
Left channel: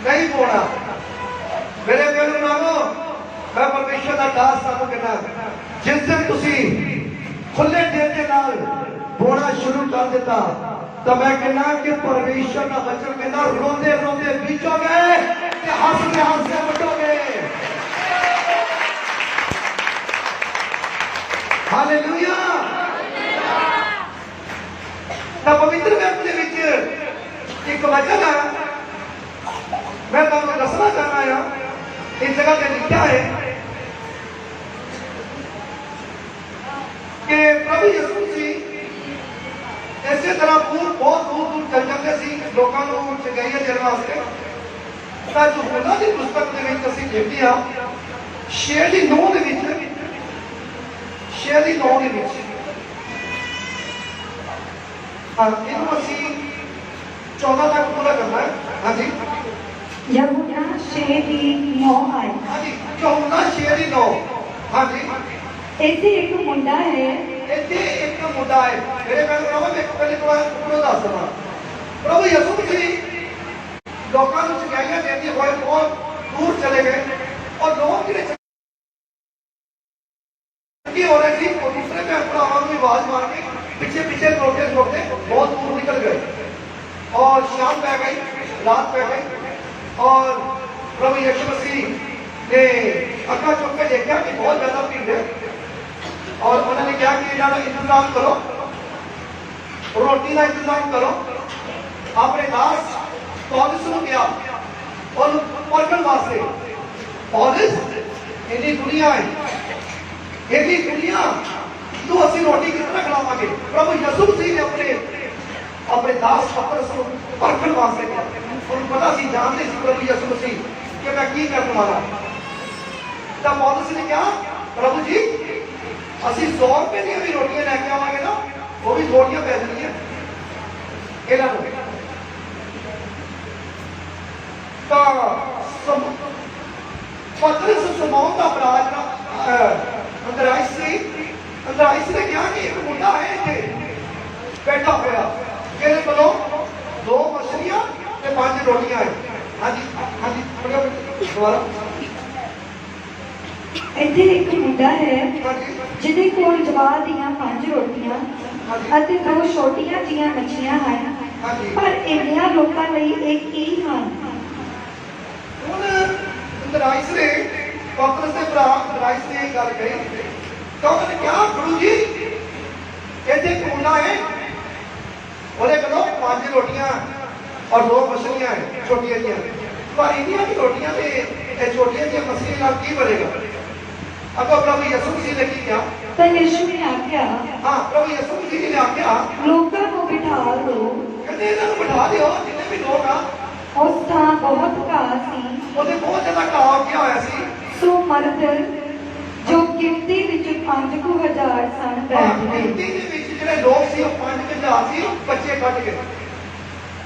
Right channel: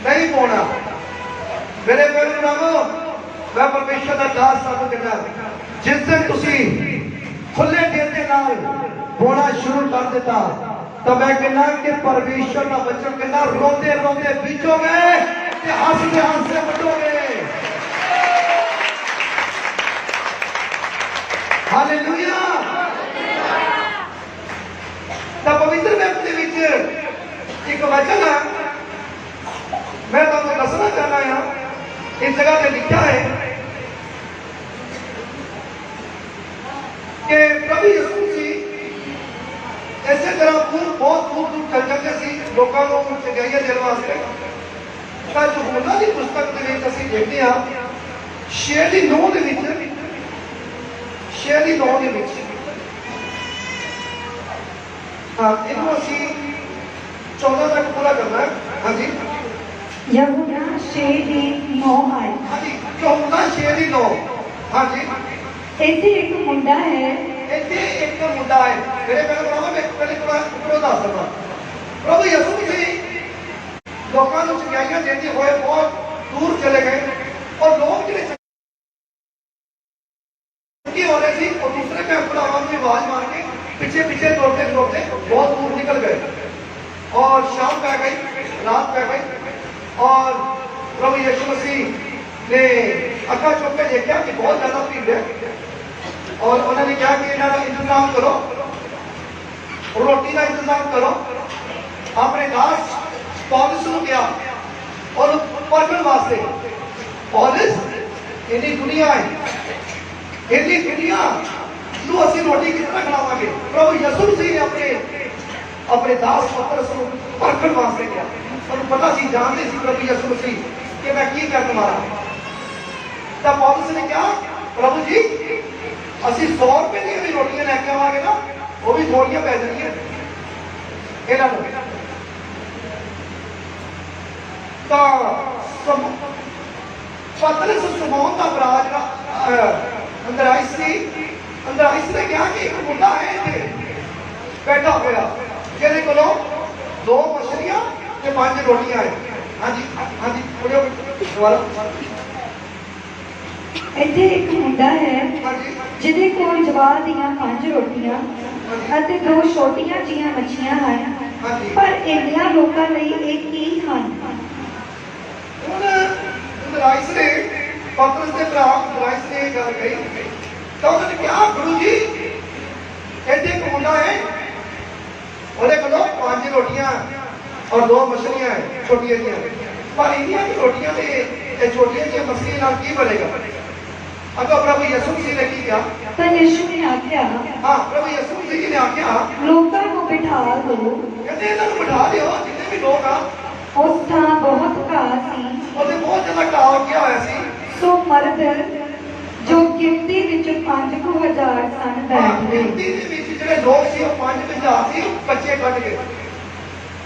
ਨਹੀਂ ਪਾਉਣਾ। ਮੇਰੇ ਪਿਆਰੇ ਭਰਾਵੋ, ਮੈਂ ਪਰਮੇਸ਼ਰ ਦਾ ਦਾਸ ਤੁਹਾਨੂੰ ਕਹਿੰਦਾ, ਜਿਸ ਦਿਨ ਤੁਸੀਂ ਖੁੱਲੇ ਦਿਲ ਦੇ ਨਾਲ ਪਾਉਣਾ ਸ਼ੁਰੂ ਕਰ ਦਿੱਤਾ ਤਾਂ ਮੈਂ ਕਹਿੰਦਾ ਕਿ ਪਰਮੇਸ਼ਰ ਦਾ ਬੱਚਾ ਕਹਿੰਦਾ ਰੋਂਦੇ ਰੋਂਦੇ ਬੀਜੋਗੇ ਤੇ ਹੱਸਦੇ ਹੱਸਦੇ ਵੱਢੋਗੇ। ਹਾਲੇਲੂਇਆ। ਤਾਂ ਪਵਿੱਤਰ ਬਾਈਬਲ ਦੇ ਵਿੱਚ ਇੱਕ ਵਚਨ ਹੈ, ਮੈਂ ਤੁਹਾਨੂੰ ਦੱਸਣਾ ਚਾਹੁੰਦਾ ਹਾਂ। ਇਸ ਜਗ੍ਹਾ ਤੇ ਲਿਖਿਆ ਹੈ ਕਿ ਪ੍ਰਭੂ ਯਿਸੂ ਮਸੀਹ ਇਸੇ ਤਰ੍ਹਾਂ ਬਹੁਤ ਦੂਰ ਚੱਲ ਜਾਂਦੇ ਸੀ ਲੋਕਾਂ ਨੂੰ ਚੰਗਿਆਈਆਂ ਦੇਣ ਵਾਸਤੇ। ਤਾਂ ਯਹੂਨਾ ਦੀ ਪੁਸਤਕ ਦੇ ਵਿੱਚ ਅਸੀਂ ਦੇਖਦੇ ਹਾਂ 6 ਦੀ 9 ਦੇ ਵਿੱਚ ਇਹਨੂੰ ਅਸੀਂ 14 ਤੱਕ ਪੂਰਾ ਕਰਨਾ ਹੈ। ਹਾਂਜੀ, ਯਹੂਨਾ 6 ਦੀ 9 ਆਏ। ਹਾਂਜੀ, ਯਹੂਨਾ 6 ਦੀ 9। ਹਾਂਜੀ, ਇੱਥੇ ਇੱਕ ਮੁੰਡਾ ਹੈ, ਇੱਥੇ ਇੱਕ ਮੁੰਡਾ ਹੈ। ਮੇਰੇ ਨਾਲ ਬਰਾਬਰ ਇੱਕ ਵਾਰ ਉੱਪਰੋਂ ਦੱਸ ਦਵਾਂ, ਪ੍ਰਭੂ ਯਿਸੂ ਮਸੀਹ ਲੋਕਾਂ ਨੂੰ ਚੰਗਿਆਈਆਂ ਦੇਂਦੇ ਹੋਏ ਬਹੁਤ ਦੂਰ ਚਲੇ ਗਏ ਔਰ ਲੋਕ ਜਿਹੜੇ ਚੰਗੇ ਹੋ ਰਹੇ ਸੀ ਉਹ ਦੂਸਰੇ ਭੈਣ ਭਰਾਵਾਂ ਨੂੰ ਆਵਾਜ਼ ਮਾਰ ਕੇ ਪਿੱਛੇ ਦੌੜਦੇ ਬਹੁਤ ਦੂਰ ਨਿਕਲ ਗਏ। और शाम पै गई, रात पै गई और प्रभु यीशु मसीह ने अखा चुक के देखा कि बहुत ज्यादा भीड़ है और उन्होंने कहा कि इन्होंने इंतजाम करो, रोटी का इंतजाम करो। अपने दास पौलुस को किया और परखण वास्ते पौलुस इन्नी दुनिया है, इन्नी दुनिया तू असि रोटी किस तरह खिलावांगे। प्रभु यीशु मसीह ने अपने दास पतरस को परखण वास्ते किया। उन्हें पता सी जानते सी प्रभु यीशु मसीह कि मैं की करने वाला। तब पौलुस ने कहा प्रभु जी असि 100 रुपए दी भी रोटियां लैके आवांगे ना, वो भी थोड़ियां पै जानियां इन्हां नूं। तां पतरस समौन का भरा अंदराइस ने कहा कि एक मुंडा है इत्थे बैठा होया जिहदे कोलों 2 मछलियां ते 5 रोटियां है। हाँ जी पढ़ियो दोबारा। ਇੱਥੇ ਇੱਕ ਮੁੰਡਾ ਹੈ हाँ जी ਜਿਹਦੇ ਕੋਲ ਜਵਾਰ ਦੀਆਂ 5 ਰੋਟੀਆਂ ਅਤੇ 2 ਛੋਟੀਆਂ ਜਿਹੀਆਂ ਮੱਛੀਆਂ ਹਨ, हाँ जी। ਪਰ ਇੰਨਿਆਂ ਲੋਕਾਂ ਲਈ ਇਹ ਕੀ ਹਨ? ਹੁਣ ਅੰਦਰਾइस ने पतरस के भरा अंदराइस ने गल कही तो उन्होंने कहा गुरु जी इत्थे एक मुंडा है, ਉਹਦੇ ਕੋਲੋਂ 5 रोटियां और 2 मछलियां है छोटियां जिहियां, पर इन्नियां की रोटियां ते छोटियां जिहियां मछलियां नाल की बनेगा। अगो प्रभु यीशु मसीह ने की कहा, ਤਾਂ ਯਿਸੂ ਨੇ ਆਖਿਆ हाँ प्रभु यीशु मसीह जी ने आख्या ਲੋਕਾਂ ਨੂੰ ਬਿਠਾ ਲਓ। कहते इन्हां नूं बिठा दिओ जिन्ने भी लोग आ। ਉਸ ਥਾਂ ਬਹੁਤ ਘਾਹ ਸੀ, ਉਹਦੇ ਬਹੁਤ ਜ਼ਿਆਦਾ ਘਾਹ ਉੱਗਿਆ ਹੋਇਆ ਸੀ। ਸੋ ਮਰਦ ਜੋ ਗਿਣਤੀ ਵਿੱਚ 5,000 ਸਨ ਬੈਠ ਗਏ। ਗਿਣਤੀ ਦੇ ਵਿੱਚ ਜਿਹੜੇ ਲੋਕ ਸੀ ਉਹ 5,000 ਸੀ, ਬੱਚੇ ਕੱਢ ਗਏ।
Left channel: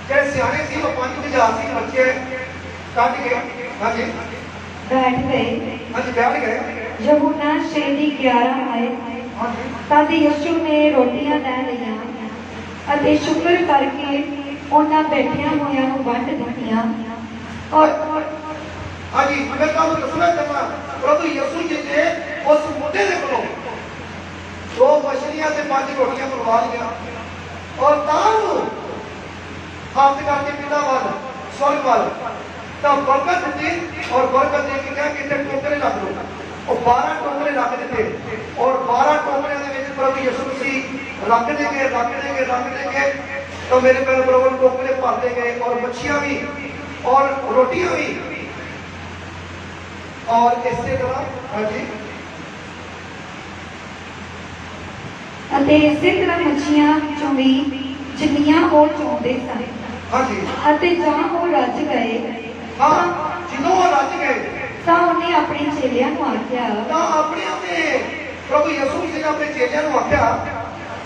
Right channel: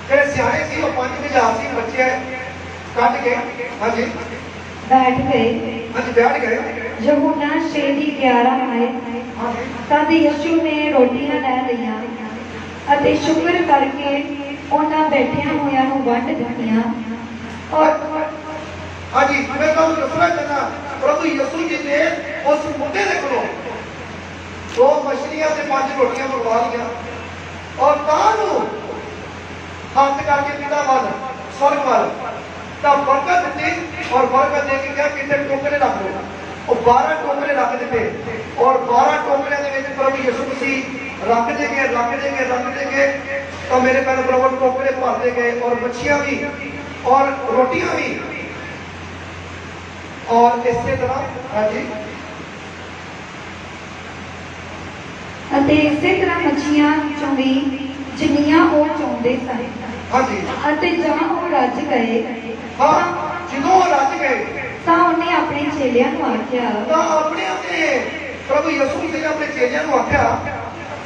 ਜਿਹੜੇ ਸਿਆਣੇ ਸੀ ਉਹ 5,000 ਸੀ, ਬੱਚੇ ਕੱਢ ਗਏ। ਹਾਂਜੀ ਬੈਠ ਗਏ। ਹਾਂਜੀ ਬੈਠ ਗਏ। ਯਹੂਨਾ 6:11 ਆਏ। ਹਾਂਜੀ ਤਦ ਯਿਸੂ ਨੇ ਰੋਟੀਆਂ ਲੈ ਲਈਆਂ ਅਤੇ ਸ਼ੁਕਰ ਕਰਕੇ ਉਹਨਾਂ ਬੈਠਿਆਂ ਹੋਇਆਂ ਨੂੰ ਵੰਡ ਦਿੱਤੀਆਂ ਔਰ ਹਾਂਜੀ ਮੈਂ ਤੁਹਾਨੂੰ ਦੱਸਣਾ ਚਾਹੁੰਦਾ ਪ੍ਰਭੂ ਯਿਸੂ ਜੀ ਨੇ ਉਸ ਮੁੰਡੇ ਦੇ ਕੋਲੋਂ 2 ਮਛਲੀਆਂ ਤੇ 5 ਰੋਟੀਆਂ ਮੰਗਵਾ ਲਈਆਂ ਔਰ ਤਾਂ ਨੂੰ ਹੱਥ ਕਰਕੇ ਪਿਤਾ ਵੱਲ ਸਵਰਗ ਵੱਲ ਤਾਂ ਬਰਕਤ ਦਿੱਤੀ ਔਰ ਬਰਕਤ ਦੇ ਕੇ ਕਿਹਾ ਕਿ ਇੱਥੇ ਟੋਕਰੇ ਰੱਖ ਲਓ। ਉਹ 12 ਟੋਕਰੇ ਰੱਖ ਦਿੱਤੇ ਔਰ 12 ਟੋਕਰਿਆਂ ਦੇ ਵਿੱਚ ਪ੍ਰਭੂ ਯਿਸੂ ਮਸੀਹ ਰੱਖ ਦੇ ਗਏ तो मेरे पैर बराबर टोकरे भरते गए और मच्छियां भी और रोटियां भी और इसी तरह। हाँ जी ਅਤੇ ਇਸੇ ਤਰ੍ਹਾਂ ਮੱਛੀਆਂ ਵਿੱਚੋਂ ਵੀ ਜਿੰਨੀਆਂ ਉਹ ਚਾਹੁੰਦੇ ਸਨ। हाँ जी ਅਤੇ ਜਾਂ ਉਹ ਰੱਜ ਗਏ हाँ जिन्हों रज गए ਤਾਂ ਉਹਨੇ ਆਪਣੇ ਚੇਲਿਆਂ ਨੂੰ ਆਖਿਆ तो अपने प्रभु यीशु जी ने अपने चेलियां नूं आख्या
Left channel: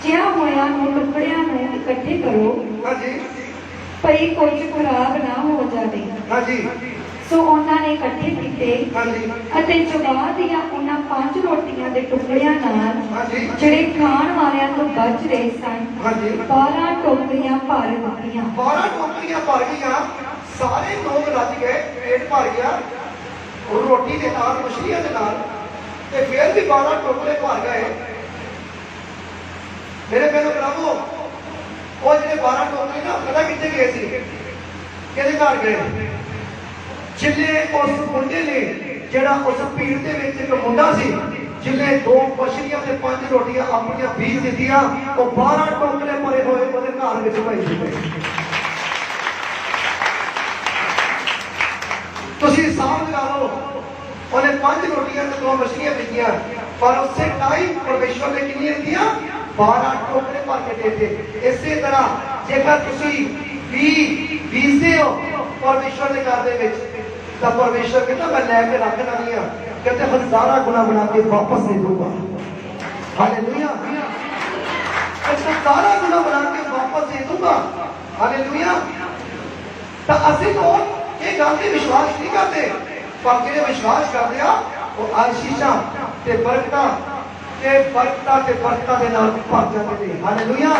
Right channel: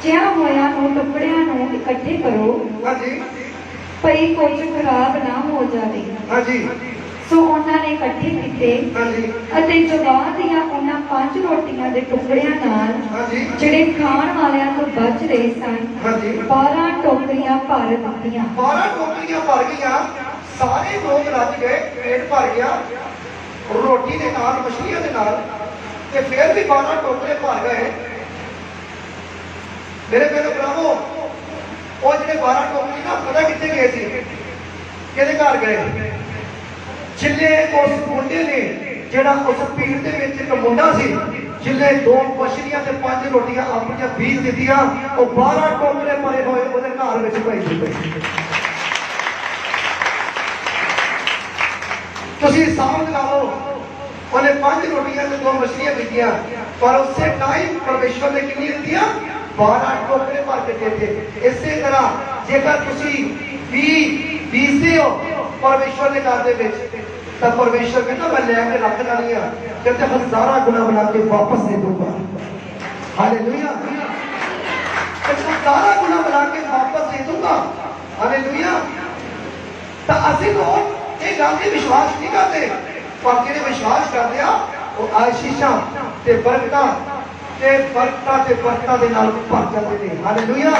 ਜਿਹਾਂ ਹੋਇਆਂ ਨੂੰ ਟੁਕੜਿਆਂ ਨੂੰ ਇਕੱਠੇ ਕਰੋ हाँ जी ਭਈ ਕੁਝ ਖਰਾਬ ਨਾ ਹੋ ਜਾਵੇ। हाँ जी ਸੋ ਉਹਨਾਂ ਨੇ ਇਕੱਠੇ ਕੀਤੇ हाँ जी ਅਤੇ ਜਵਾਰ ਦੀਆਂ ਉਹਨਾਂ 5 ਰੋਟੀਆਂ ਦੇ ਟੁਕੜਿਆਂ ਨਾਲ हाँ जी ਜਿਹੜੇ ਖਾਣ ਵਾਲਿਆਂ ਤੋਂ ਬਚ ਰਹੇ ਸਨ हाँ जी 12 ਟੋਕਰੀਆਂ ਭਰ ਦਿੱਤੀਆਂ। 12 टोकरियां भर गई। सारे लोग रज गए, पेट भर गया रोटी के नाल मछलियां के नाल ते फिर भी 12 टोकरे भर गए। मेरे कहने भरावो वो जो 12 टोकरे ना पता कितने गए थे, किहदे घर गए? जिले उस मुंडे ने जिहड़ा उस भीड़ दे विच एक मुंडा सी जिले 2 मछलियां ते 5 रोटियां अपनियां बीज दित्तियां, वो 12 टोकरे भरे होए ਉਹਦੇ ਘਰ ਵਿੱਚ ਪਏ ਸੀ। ਤੁਸੀਂ ਹਿਸਾਬ ਲਾ ਲਓ ਉਹਨੇ 5 ਰੋਟੀਆਂ ਤੇ 2 ਮਛਲੀਆਂ ਦਿੱਤੀਆਂ, ਪਰ ਉਸੇ ਟਾਈਮ ਪਰਮੇਸ਼ਰ ਨੇ ਕਿੰਨੀ ਦਿੱਤੀਆਂ? 12 ਟੋਕਰੇ ਭਰ ਕੇ ਦਿੱਤੇ। ਇਸੇ ਤਰ੍ਹਾਂ ਜੇਕਰ ਤੁਸੀਂ ਬੀਜਦੇ ਹੋ ਪਰਮੇਸ਼ਰ ਦੇ ਘਰ ਦੇ ਵਿੱਚ ਤਾਂ ਪਰਮੇਸ਼ਰ ਕਹਿੰਦਾ ਮੈਂ ਲੈ ਕੇ ਰੱਖ ਲੈਣੀ ਆ, ਕਹਿੰਦੇ ਹਜ਼ਾਰਾਂ ਗੁਣਾ ਬਣਾ ਕੇ ਵਾਪਸ ਦੇ ਦੂੰਗਾ। ਹਾਲੇਲੂਇਆ। ਹਜ਼ਾਰਾਂ ਗੁਣਾ ਬਣਾ ਕੇ ਵਾਪਸ ਦੇ ਦੂੰਗਾ। ਹਾਲੇਲੂਇਆ। ਤਾਂ ਅਸੀਂ ਲੋਕ ਇਹ ਗੱਲ ਤੇ ਵਿਸ਼ਵਾਸ ਨਹੀਂ ਕਰਦੇ, ਪਰ ਜਿਹੜੇ ਵਿਸ਼ਵਾਸ ਕਰਦੇ ਆ ਉਹ ਆਸ਼ੀਸ਼ਾਂ ਤੇ ਬਰਕਤਾਂ ਦੇ ਨਾਲ ਭਰ ਜਾਂਦੇ ਨੇ। ਹਾਲੇਲੂਇਆ।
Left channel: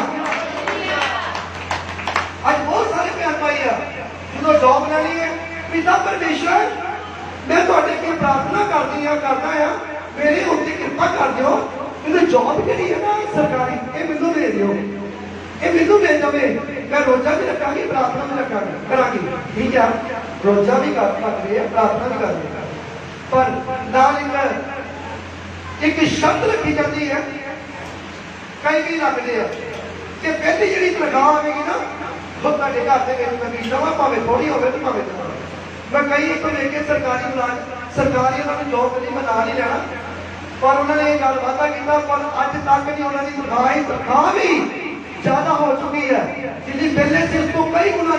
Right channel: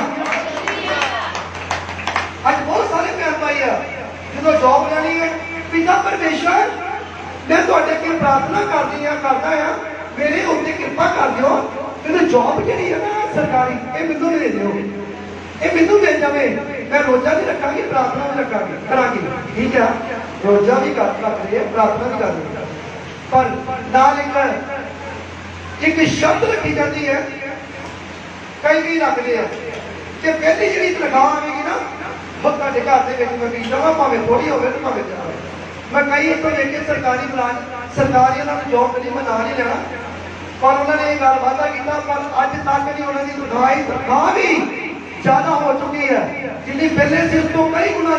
ਅੱਜ ਬਹੁਤ ਸਾਰੇ ਭੈਣ ਭਾਈ ਆ ਜਦੋਂ ਜੌਬ ਲੈਣੀ ਹੈ, ਪਿਤਾ ਪਰਮੇਸ਼ਰ ਮੈਂ ਤੁਹਾਡੇ ਅੱਗੇ ਪ੍ਰਾਰਥਨਾ ਕਰਦਾ ਆ ਮੇਰੇ ਉੱਤੇ ਕਿਰਪਾ ਕਰ ਦਿਓ, ਮੈਨੂੰ ਜੌਬ ਜਿਹੜੀ ਹੈ ਨਾ ਸਰਕਾਰੀ ਇਹ ਮੈਨੂੰ ਦੇ ਦਿਓ, ਇਹ ਮੈਨੂੰ ਮਿਲ ਜਾਵੇ, ਮੈਂ ਰੋਜ਼ਾ ਵੀ ਰੱਖਾਂਗੀ, ਪ੍ਰਾਰਥਨਾ ਵੀ ਕਰਾਂਗੀ। ਠੀਕ ਆ। रोजा भी कर रहे हैं, प्रार्थना भी कर रहे हैं, पर नाल एक शब्द रखी जाती है, कई भी रखते हैं कि पहली जी तनख्वाह आएगी ना वो तुहाडे घर के मैं फीस देवां, भावें थोड़ी होवे ते भावें ज्यादा होवे। मैं कई को लेके सरकारी मुलाजम सरकारी उन्होंने जॉब मिली, मैं नाल ही लेना, पर उन्होंने ये गल वादा किया, पर अज तक नहीं उन्होंने तनख्वाह भी ज्यादा हो चुकी है, जिन्नी पहले से उस तो कई गुना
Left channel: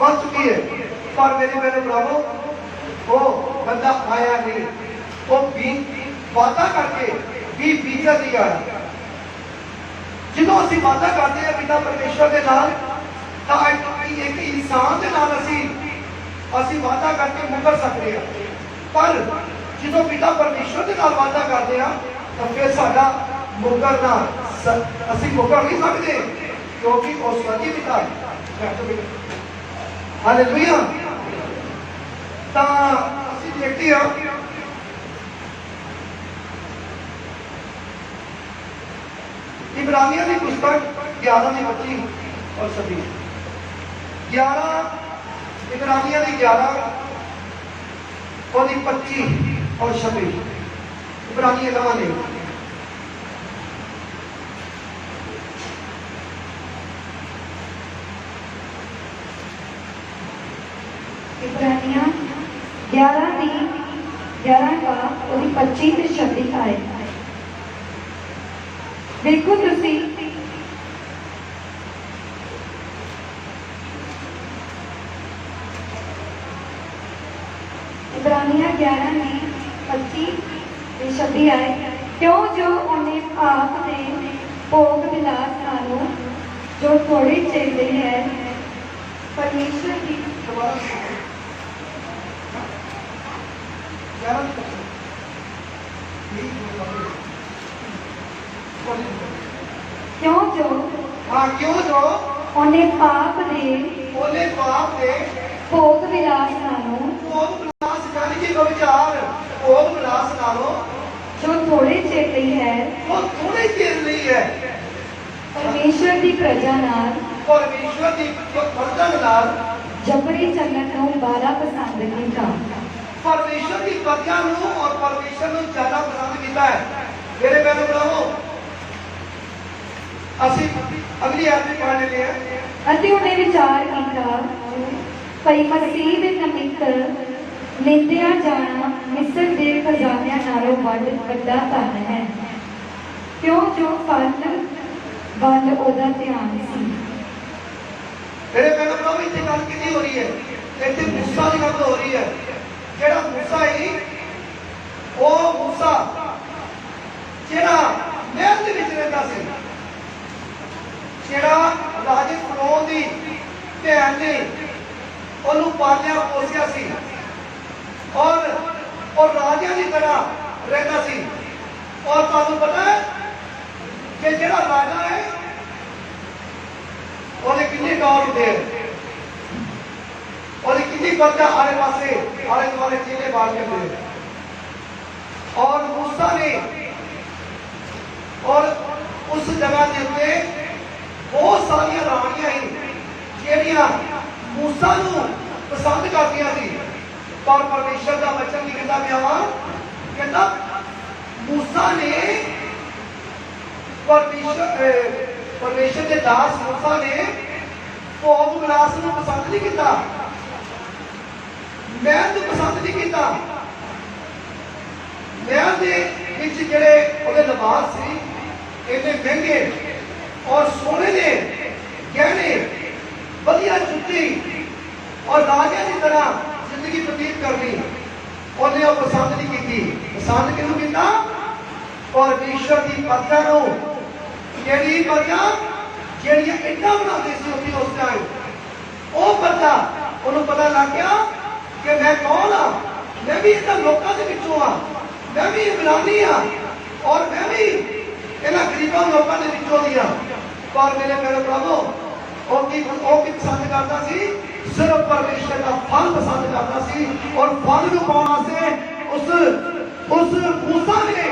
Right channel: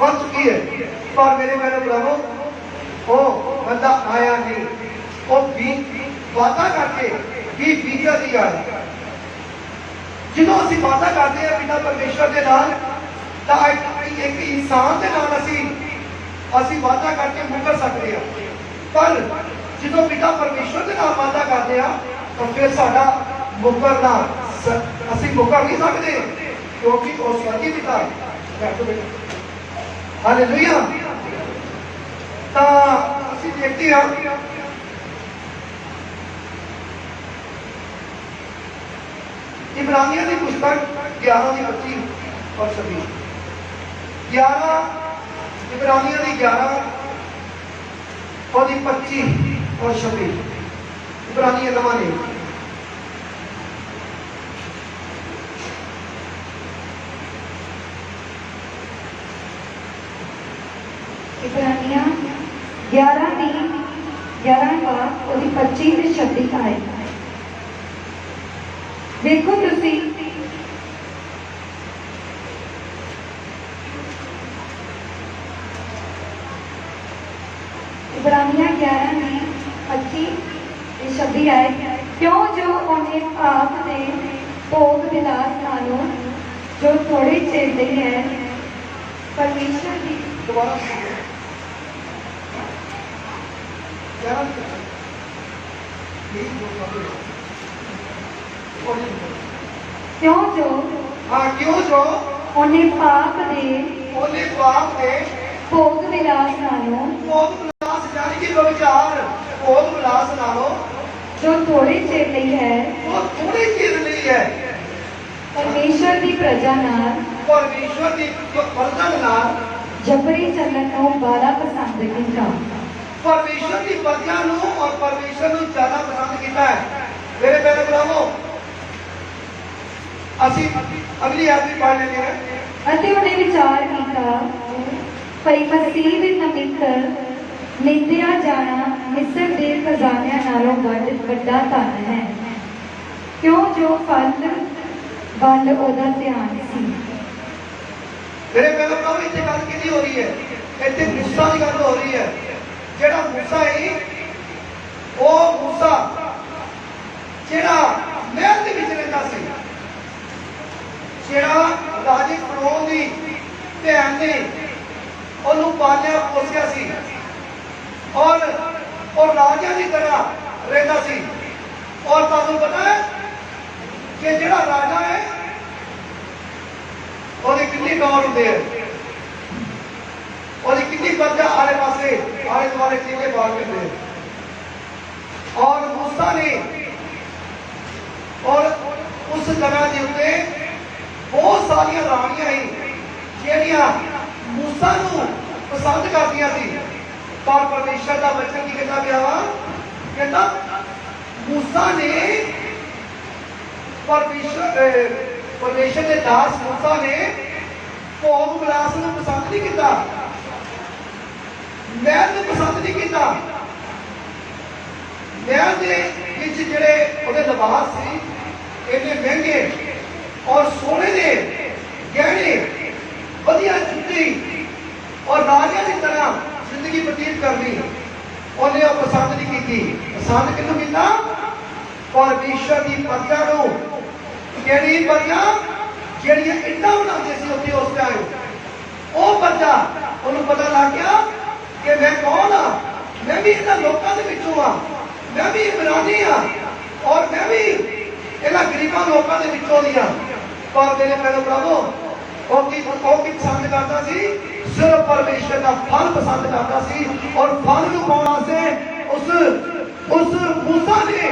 बढ़ चुकी है। पर मेरे भरावो वो बंदा आया नहीं, वो वादा करके 20% की गल जो असी वादा करते हैं पिता परमेश्वर के नाल, एक इंसान के नाल असी वादा करके मुकर सकते हैं, पर जो पिता परमेश्वर के नाल वादा करते हैं तो फिर साडा मुकरना असी मुकर नहीं सकते, क्योंकि वो स्वर्गीय पिता है। हालेलुया। तो असी देखते हैं इब्रानियों की पुस्तक 11:25 और 26, 11 इब्रानियों की 11 और 25 और 26, इब्रानिया नवा ने इब्रानिया 11 की 11 का और 25 ਤੇ 26 आए। देखो तुसी इब्रानिया 11 में 25 ਤੇ 26 आए। क्यों जो उन्हें आप ने भोग विलास नालों जो थोड़े चिर ਲਈ है परमेश्वर की क्यों जो उन्हें पाप दे भोग विलास नालों यानी कि विचार भोग विलास नालों जो थोड़े चिर ਲਈ है वो थोड़े चिर ਲਈ है परमेश्वर की प्रजा नाल परमेश्वर की प्रजा नाल जबरी चलन ਨੂੰ ਬਾਲਾ पसंद ਕੀਤਾ। परमेश्वर की प्रजा और परमेश्वर ਨੂੰ ज्यादा पसंद किया है। मेरे प्यारे भरावो ਅਸੀਂ ਅਗਲੀ ਆਇਤ ਪੜ੍ਹ ਲੈਂਦੇ ਹਾਂ। ਅਤੇ ਉਹਨੇ ਵਿਚਾਰ ਕੀਤਾ ਭਈ ਮਸੀਹ ਦੇ ਨਮਿਤ ਨਿੰਦਿਆ ਜਾਣਾ ਮਿਸਰ ਦੇ ਖਜ਼ਾਨਿਆਂ ਨਾਲੋਂ ਵੱਡਾ ਧਨ ਹੈ, ਕਿਉਂ ਜੋ ਫਲ ਉਹਦਾ ਧਿਆਨ ਸੀ। मेरे प्यारे भरावो इतने गल की हो रही है, इतने मूसा की गल हो रही है। ਜਿਹੜਾ मूसा है ਉਹ मूसा ਜਿਹੜਾ ਮਹਿਲ ਦੇ ਵਿੱਚ ਰਹਿੰਦਾ ਸੀ, ਜਿਹੜਾ ਰਾਜੇ ਫਰੋਨ ਦੀ ਭੈਣ ਨੇ ਉਹਨੂੰ ਪਾਲਿਆ ਪੋਸਿਆ ਸੀ ਔਰ ਰਾਜਿਆਂ ਦੀ ਤਰ੍ਹਾਂ ਰਹਿੰਦਾ ਸੀ। ਔਰ ਤੁਹਾਨੂੰ ਪਤਾ ਹੈ ਕਿ ਜਿਹੜਾ ਰਾਜਾ ਹੈ ਉਹਦੇ ਕਿੰਨੇ ਦੌਰ ਹੁੰਦੇ ਹੈ, ਉਹਦੀ कितनी प्रजा आले पासे आले दुआले चीजें बांट करते हैं। और मूसा ने और उस जगह के उत्ते बहुत सारिया रानियां ही ਜਿਹੜੀਆਂ मूसा ਨੂੰ पसंद करदियां सी, पर परमेश्वर का वचन की कहता गया, कहता मूसा ने परमेश्वर के दास मूसा ने भोग विलास ਨੂੰ पसंद नहीं किया, महल को पसंद नहीं किया। महल के जिहड़े उहदे लिबास सी इन्ने महंगे और सोने के गहने वधिया जुत्ती और राजा की तरह जिंदगी बतीत करनी उन्हें पसंद नहीं की। पसंद किहनूं कीता? परमेश्वर की प्रजा नूं। किहड़ी प्रजा? जिहड़ियां इट्टां बनाउंदे सी उत्थे उस टाइम, वो प्रजा उन्होंने पता लग गया कि मैं कौन हाँ, मैं भी इन्हां लोकां दे विचों हाँ, मैं भी इमरानी हाँ और मैं भी इन्हां गरीबां लोकां दे विचों दी हाँ। पर मेरे प्यारे भरावो वो की पसंद करता सी? सिर्फ परमेश्वर का फल पसंद करता सी। और फल नूं पाउण वास्ते उस मूसा ने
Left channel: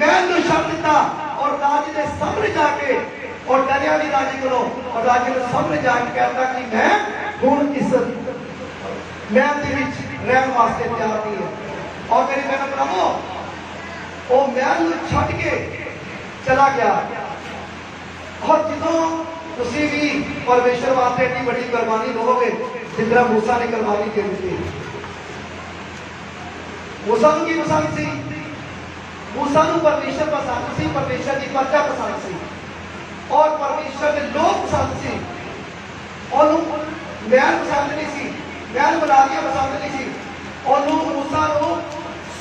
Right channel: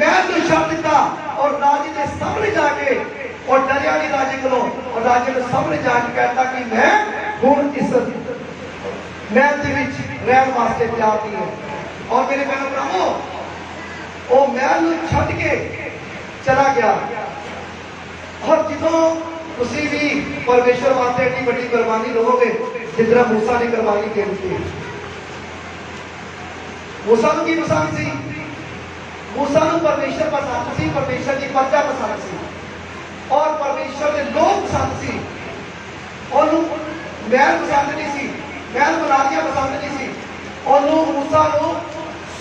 महल नूं छड्ड दिता और राजे दे सामने जाके और डरिया नहीं राजे को, और राजे ने सामने जाके कहता कि मैं हुण इस महल के विच रहन वास्ते तैयार नहीं है। और मेरे भैन भरावो वो महल नूं छड्ड के चला गया। और जो तुसीं भी परमेश्वर वास्ते इतनी बड़ी कुर्बानी लोगे जिस तरह मूसा ने कुर्बानी दे दी। मूसा नूं की पसंद सी? मूसा नूं परमेश्वर पसंद सी, परमेश्वर की प्रजा पसंद सी और परमेश्वर के लोग पसंद सी। उन्होंने महल पसंद नहीं सी, महल बनानियां पसंद नहीं सी। उन्होंने मूसा नूं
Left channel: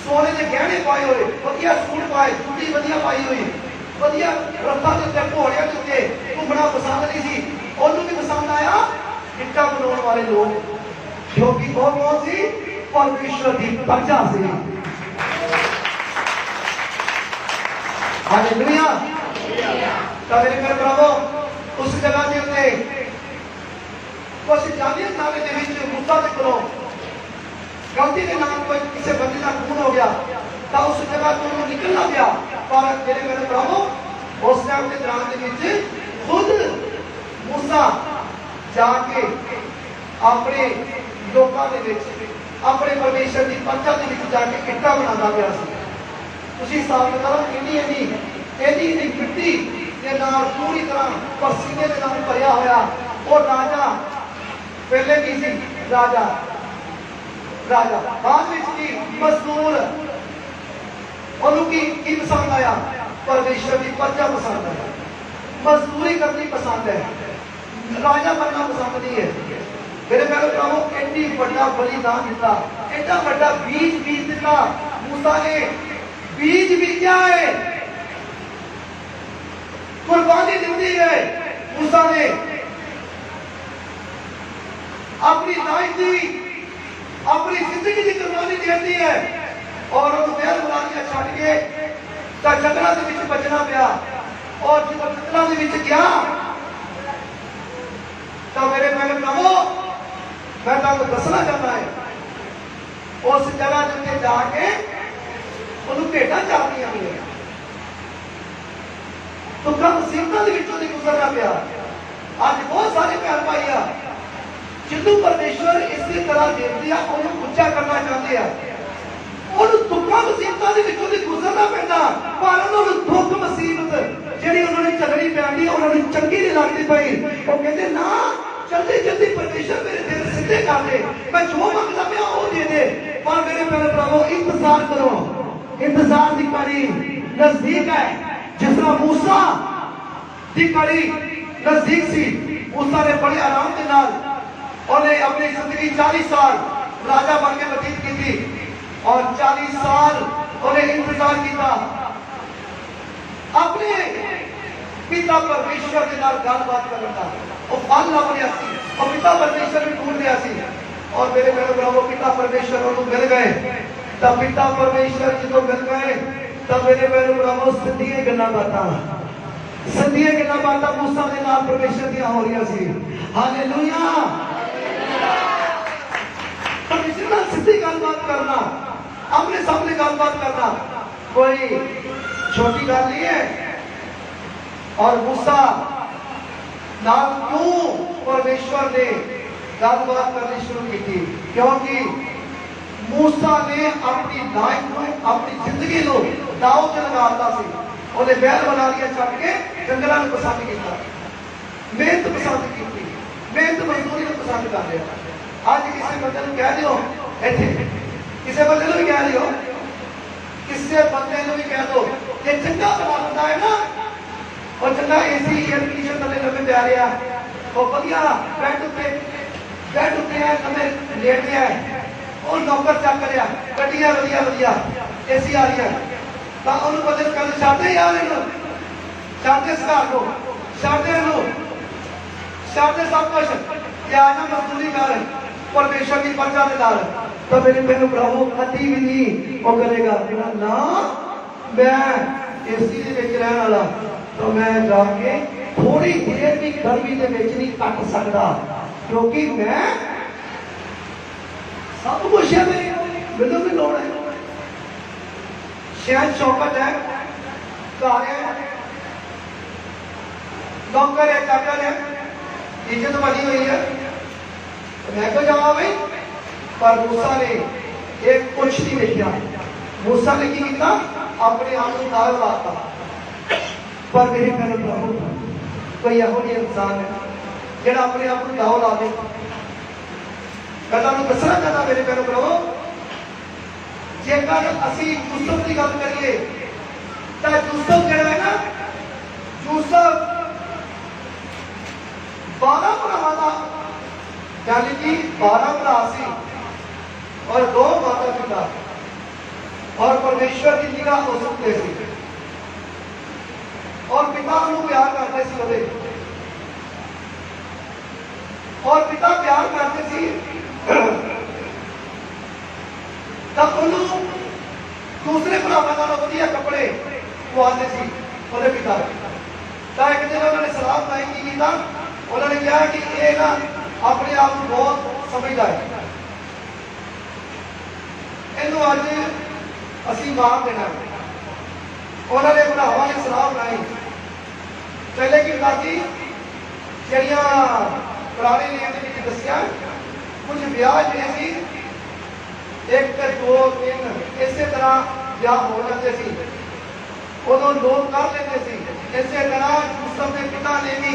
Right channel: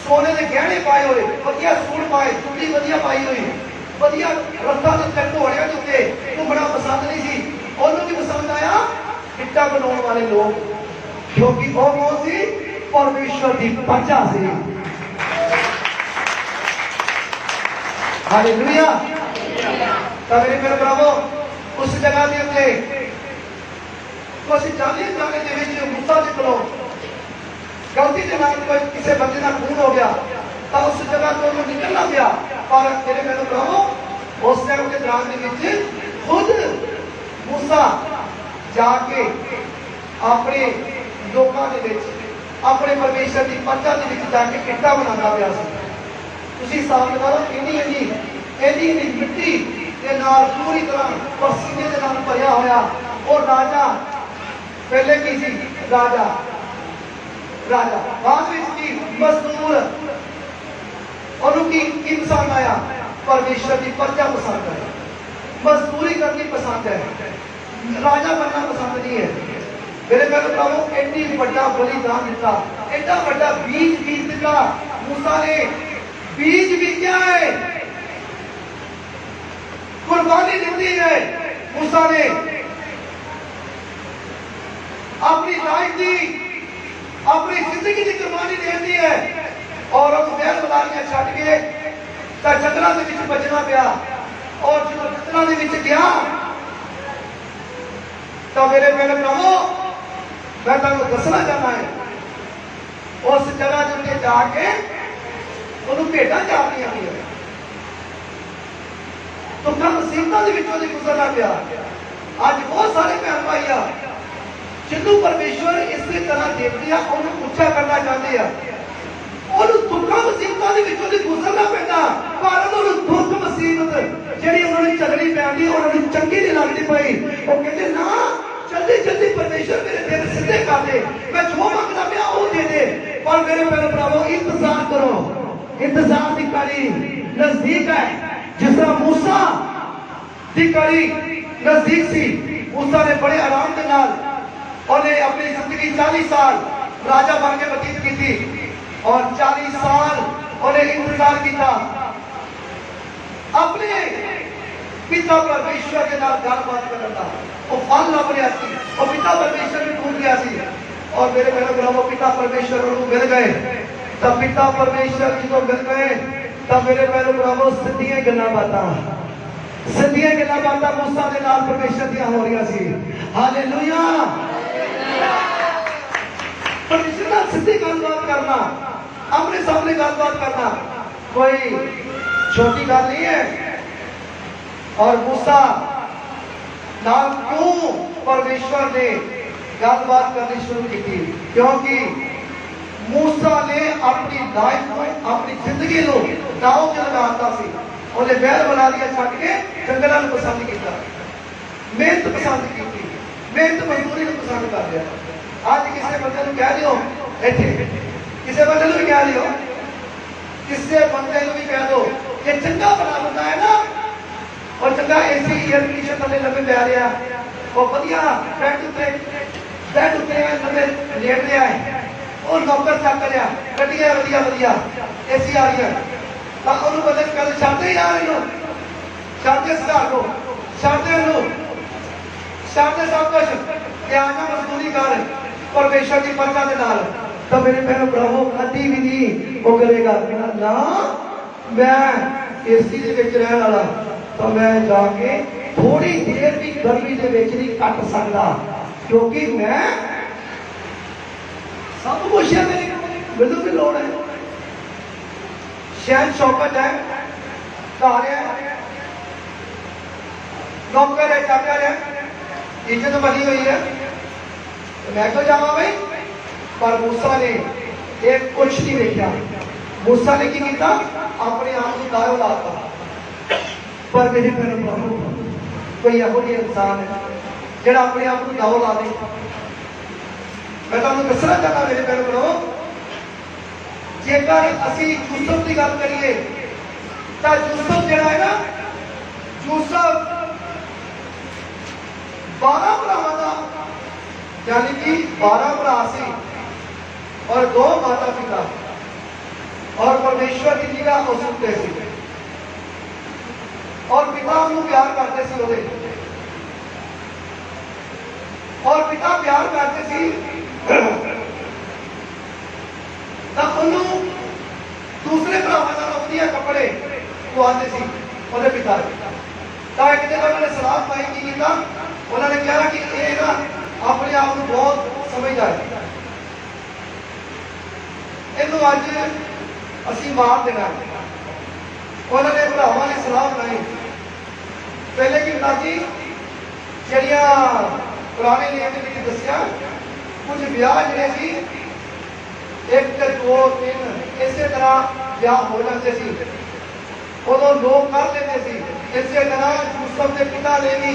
सोने के गहने पाए हुए, वधिया सूट पाए, चूड़ी वधिया पाई हुई, वधिया रस्ता के उत्ते घोड़ियां के उत्ते घूमना पसंद नहीं सी। उन्होंने भी पसंद आया इट्टा बनाने वाले लोग, क्योंकि वो कौन सी? परमेश्वर की प्रजा सी। हालेलुया। तो मेरे मेरे भरावो उस जगह के उत्ते तो असं जाने जाने के विच मूसा दे कोलों गलती के नाल कोई किसी बंदे का खून हो गया तो उस जगह तो उन्होंने निकलना गया। पर मेरे मेरे भरावो उस टाइम के दौरान के विच खुद मूसा जाके अपने लोगों के विच अपने परमेश्वर की प्रजा के विच जाके किट्टा बनाना गया सी। तुसीं हिसाब लगाओ इन्नी मिट्टी के नाल पूरी तरह पसीने के नाल भरिया होया। और राजा पहले की सी राजा बाद में की मजदूर उन्होंने की पसंद आया? परमेश्वर की प्रजा पसंद है, मजदूरी करनी पसंद है, राजा बनना पसंद नहीं है। मेरे मेरे प्रभु एडी बड़ा बलिदान दिता, एडा बड़ा बीज दिता। मूसा ने बीज बीजा है, कुर्बानी दी है। मूसा ने अपनी लाइफ की अपनी जिंदगी की कुर्बानी दी है। और उस महल बनानियां छड्ड के जंगलों के विच बजना पिया। और जो जंगलों के विच गया तो मेरे मेरे प्रभु मैं तुहानूं दसना चाहता है उस जगह के उत्ते जाके उन्होंने भेटा चारनियां हुई दुखा मुसीबतों के विचों गुजरना पिया। अज बहुत सारे भैन भाई आ जिन्हों परमेश्वर इस तरह देखते हैं उन्होंने उच्चा करना चाहते हैं। उन्होंने दुखा मुसीबतों के विचों गुजरना पैदा पर उन्होंने दुख मुसीबत जी उन्होंने चलनी पैंदी उन्होंने चंगी नहीं लगती पई। वो कहते ना जल्दी जल्दी परमेश्वर मेरे दिल सीधे कर दे, मैं जो मंगता पिया वो दे दे। पर मेरे प्यारे प्रभु इंतजार करो, इंतजार की कड़ी नजदीक है। जिस तरह मूसा की कड़ी नजदीक सी, मूसा ने बड़े आराम के नाल उन्हें अपनी जिंदगी 40 साल राजा बन के व्यतीत की थी और 40 साल उन्हें इंतजार किया अपने पिता परमेश्वर के नाल गलबात करने का। वो फल लभ रहा सी, वो पिता परमेश्वर में ढूंढ रहा सी। और मेरे मेरे ब्रावो पिता परमेश्वर को मिल गए। तब पिता परमेश्वर जी को मिल गए तब मेरे मेरे ब्रावो सिद्धियां गल्लां बातां मूसा के नाल परमेश्वर दी हो रही सी। हालेलुया। परमेश्वर नाल सीधी गलबात करना, अपने सामने गलबात करना कोई छोटी गल नहीं है। और मूसा नाल क्यों परमेश्वर ने गलबात करनी शुरू की थी? क्योंकि मूसा ने अपनी लाइफ को अपनी जिंदगी को दाव च लगाता सी। उन्हें बैल बना दिया छड्ड के जंगलों को पसंद किया, मेहनत पसंद की, मेहनत मजदूरी को पसंद कर दिया। अज किसी बंदे को कह रही हो इतने किसी बंदे को भी कह रही हो, किसी बंदे को भी कह दो कि चंगा बड़ा बंदा है ना और चंगा एसी एयर कंडीशन वाले लगे लै रहा वो वधिया बैठ उत्ते लगे लेट रहा है और नौकर चक रहा गड्डियां वधिया वधिया एसी आ रही है तो उन्होंने बदल कर छाते छाते सुधार दो छाते छाते सब कुछ क्या आना मजदूरी कर परमेश्वर की प्रजा के नाल। तो मेरे बहन प्रभु कभी भी नहीं वो करेगा ना मैं एसी के रहने वाला तो मैं जाके थोड़ी देर की गर्मी के नहीं कट सकता क्योंकि मैं सब कुछ है मैनू भी लोड़ है। शहर शौकत है, घर है, नौकर है, चाकर है, इज्जत बनी हुई है तो मैं क्यों जावा भाई पर मूसा ने एक कुछ नहीं देखा। मूसा ने की किया? अपने आप को दाव लाता। पर मेरे भैन भराओ, कोई यहो जिहा इंसान है जिहड़ा अपने आप को दाव ला दे। मैं तुहानूं दसना चाहता मेरे भैन भराओ, जेकर असीं यूसुफ की गल करिए तो यूसुफ जिहड़ा है ना, यूसुफ 12 भरावां दा यानी कि 12 भरा सी और 2 माता पिता, और परमेश्वर की निगाह उस उत्ते सी, और पिता उन्हें प्यार करते सी ओदे, और पिता प्यार करते सी तो उन्होंने दूसरे भरावां नालों वधिया कपड़े पवाते सी ओदे पिता ने। तो एक दिन उन्होंने सलाह पाई की किया, उन्होंने कहा कि ये ना अपने आप को बहुत समझदा है, इनू अज असी मार देना है। उन्होंने भरावां ने सलाह बनाई, पहले की बताई जड़िया पुराने नियम के दसिया कुछ ब्याह जिहड़े सी 1 ते 2 3 इसे तरह ब्याह हो जाते सी, उदों लोग कर लेते सी। इसे तरह यूसुफ के पिता ने भी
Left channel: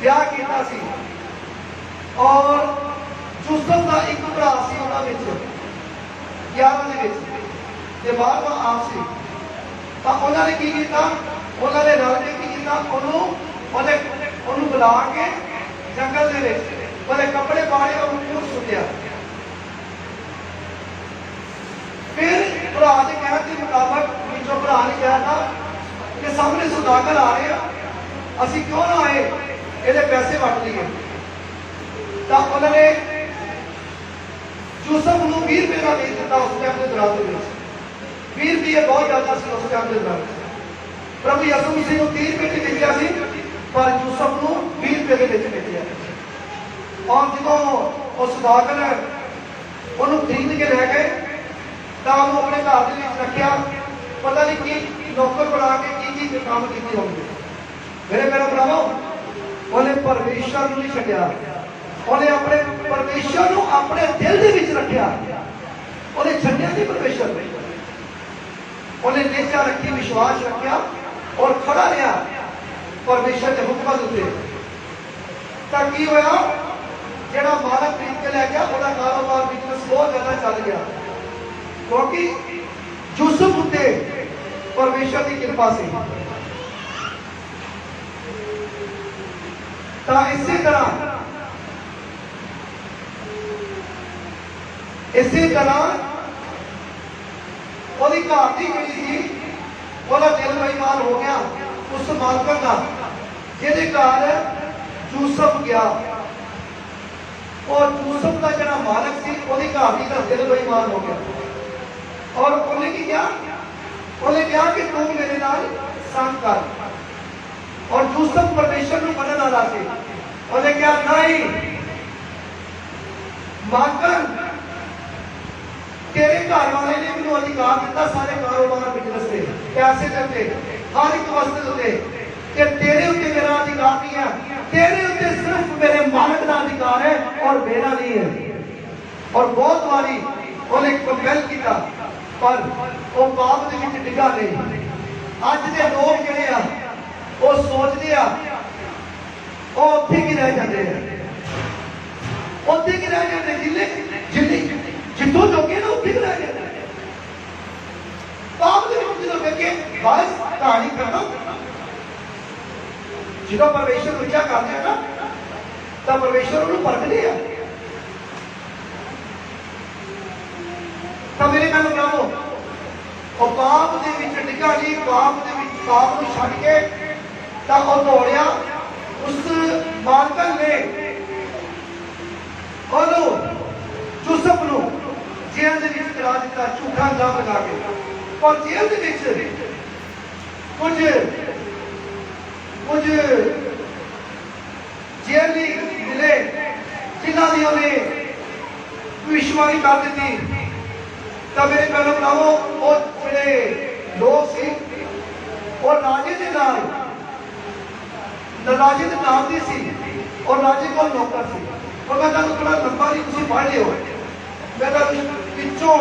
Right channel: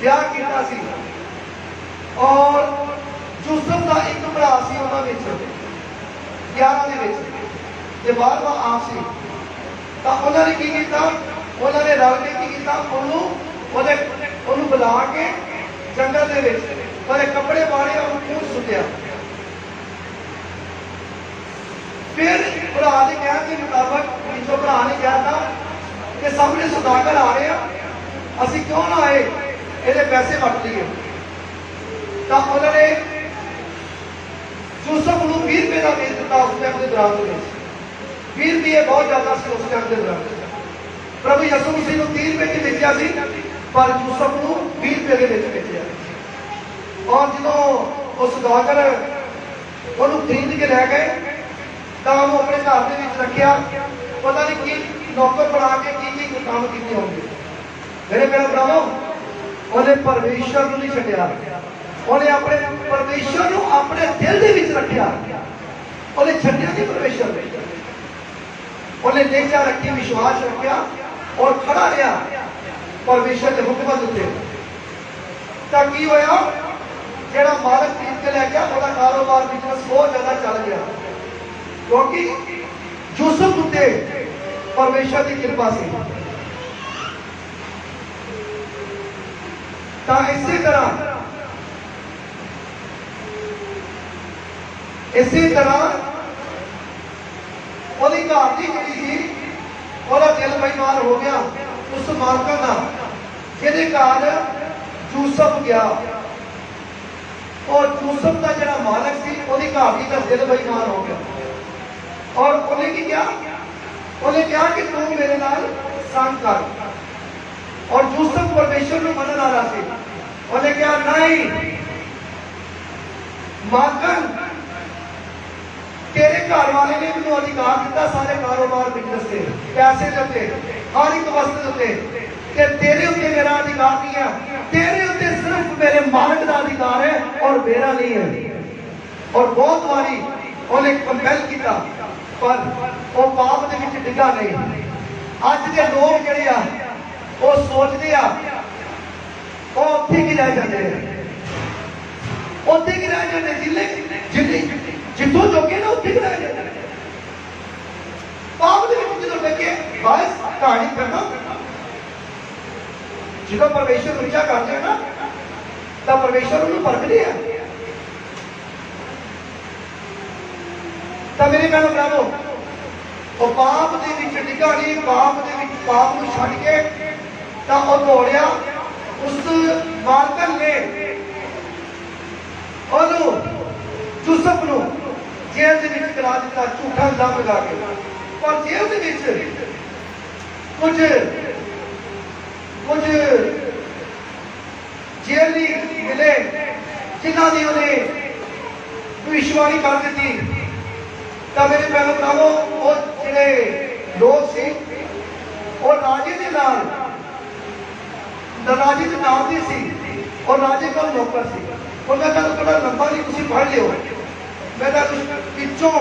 ब्याह किया सी, और यूसुफ का एक भरा सी उन्होंने 11 के 12वां आप सी। तो उन्होंने की किया? उन्होंने रल के की किया? उन्होंने बुला के जंगल के ਉਹਦੇ ਕੱਪੜੇ ਪਾੜੇ और खून सुटिया। फिर भरा के कहने के मुताबिक जो भरा ने कहा था कि सामने सुदागर आ रहे हैं, असी क्यों ना आए ये पैसे वट लीए। तो उन्होंने यूसुफ को 20 रुपये का बेच दिता उस टाइम के दौरान। 20 रुपये बहुत ज्यादा से उस टाइम के दौरान। प्रभु यसू मसीह को 30 रुपये की बेचा सी, पर यूसुफ को 20 रुपये के बेचा। और जो उस सुदागर उन्होंने खरीद के लै गए तो वो अपने घर के रखा, पता नहीं कि नौकर बना के की काम किए होंगे। मेरे भैन भरावो, उन्हें परमेश्वर को नहीं छड्या, उन्हें अपने परमेश्वर को अपने दिल के विच रखा। उन्हें छड्या नहीं परमेश्वर ने, उन्हें नेचा रखी, विश्वास रखा और खड़ा रहा परमेश्वर के हुक्म उत्ते। तो की होया, ਜਿਹੜਾ ਮਾਲਕ ਖਰੀਦ ਕੇ ਲੈ ਗਿਆ ਉਹਦਾ ਕਾਰੋਬਾਰ ਬਿਜ਼ਨਸ ਬਹੁਤ ਜ਼ਿਆਦਾ ਚੱਲ ਗਿਆ, ਕਿਉਂਕਿ ਯੂਸੁਫ ਉੱਤੇ ਪਰਮੇਸ਼ਰ ਦੀ ਕਿਰਪਾ ਸੀ। ਤਾਂ ਇਸੇ ਤਰ੍ਹਾਂ ਉਹਦੀ ਘਰ ਦੀ ਜਿਹੜੀ ਸੀ ਉਹਦਾ ਦਿਲ ਬੇਈਮਾਨ ਹੋ ਗਿਆ ਉਸ ਮਾਲਕਨ ਦਾ ਜਿਹਦੇ ਘਰ ਯੂਸੁਫ ਗਿਆ। और यूसुफ का जरा मालक सी ओदी घाटी का दिल बेईमान हो गया, और उन्हें की किया? उन्हें कहा कि तू मेरे नाल संग कर। और यूसुफ परमेश्वर को मनन वाला सी, उन्हें कहा नहीं मालकन, तेरे घर वाले ने मैनू अधिकार दिता सारे कारोबार बिजनेस से, पैसे देते, हर एक वस्तु देते, कि तेरे उत्ते मेरा अधिकार नहीं है, तेरे उत्ते सिर्फ मेरे मालक का अधिकार है और मेरा नहीं है। और बहुत बारी उन्हें कंपेल किया, पर वो पाप के विच डिगा नहीं। अज के लोग जिहड़े आ वो सोचते आ वो उत्थे ही रह जाते हैं, उत्थे ही रह जाते जिन्हें जितों जोगे ना उत्थे ही रह जाते हैं। पाप के विच जो देखे बस कहानी करना, जो परमेश्वर को रिचा करते हैं ना, तो परमेश्वर उन्हें परखते हैं। तो मेरे भैन भरावो, वो पाप के विच डिगा नहीं, पाप को छड्ड के तो वो दौड़िया। उस मालकन ने यूसुफ को जेल के विच करा दिता, झूठा इल्जाम लगा के। पर जेल के विच कुछ जेली मिले जिन्हों की उन्हें भविष्यवाणी कर दी। तो मेरे भैन भरावो, वो जिहड़े लोग सी वो राजे के नाल राजे के नाम दी सी, और राजे को नौकर सी। और मैं तुहानू थोड़ा लंबा नहीं, तुसीं पढ़ लिओ। मैं तुहानू पिछों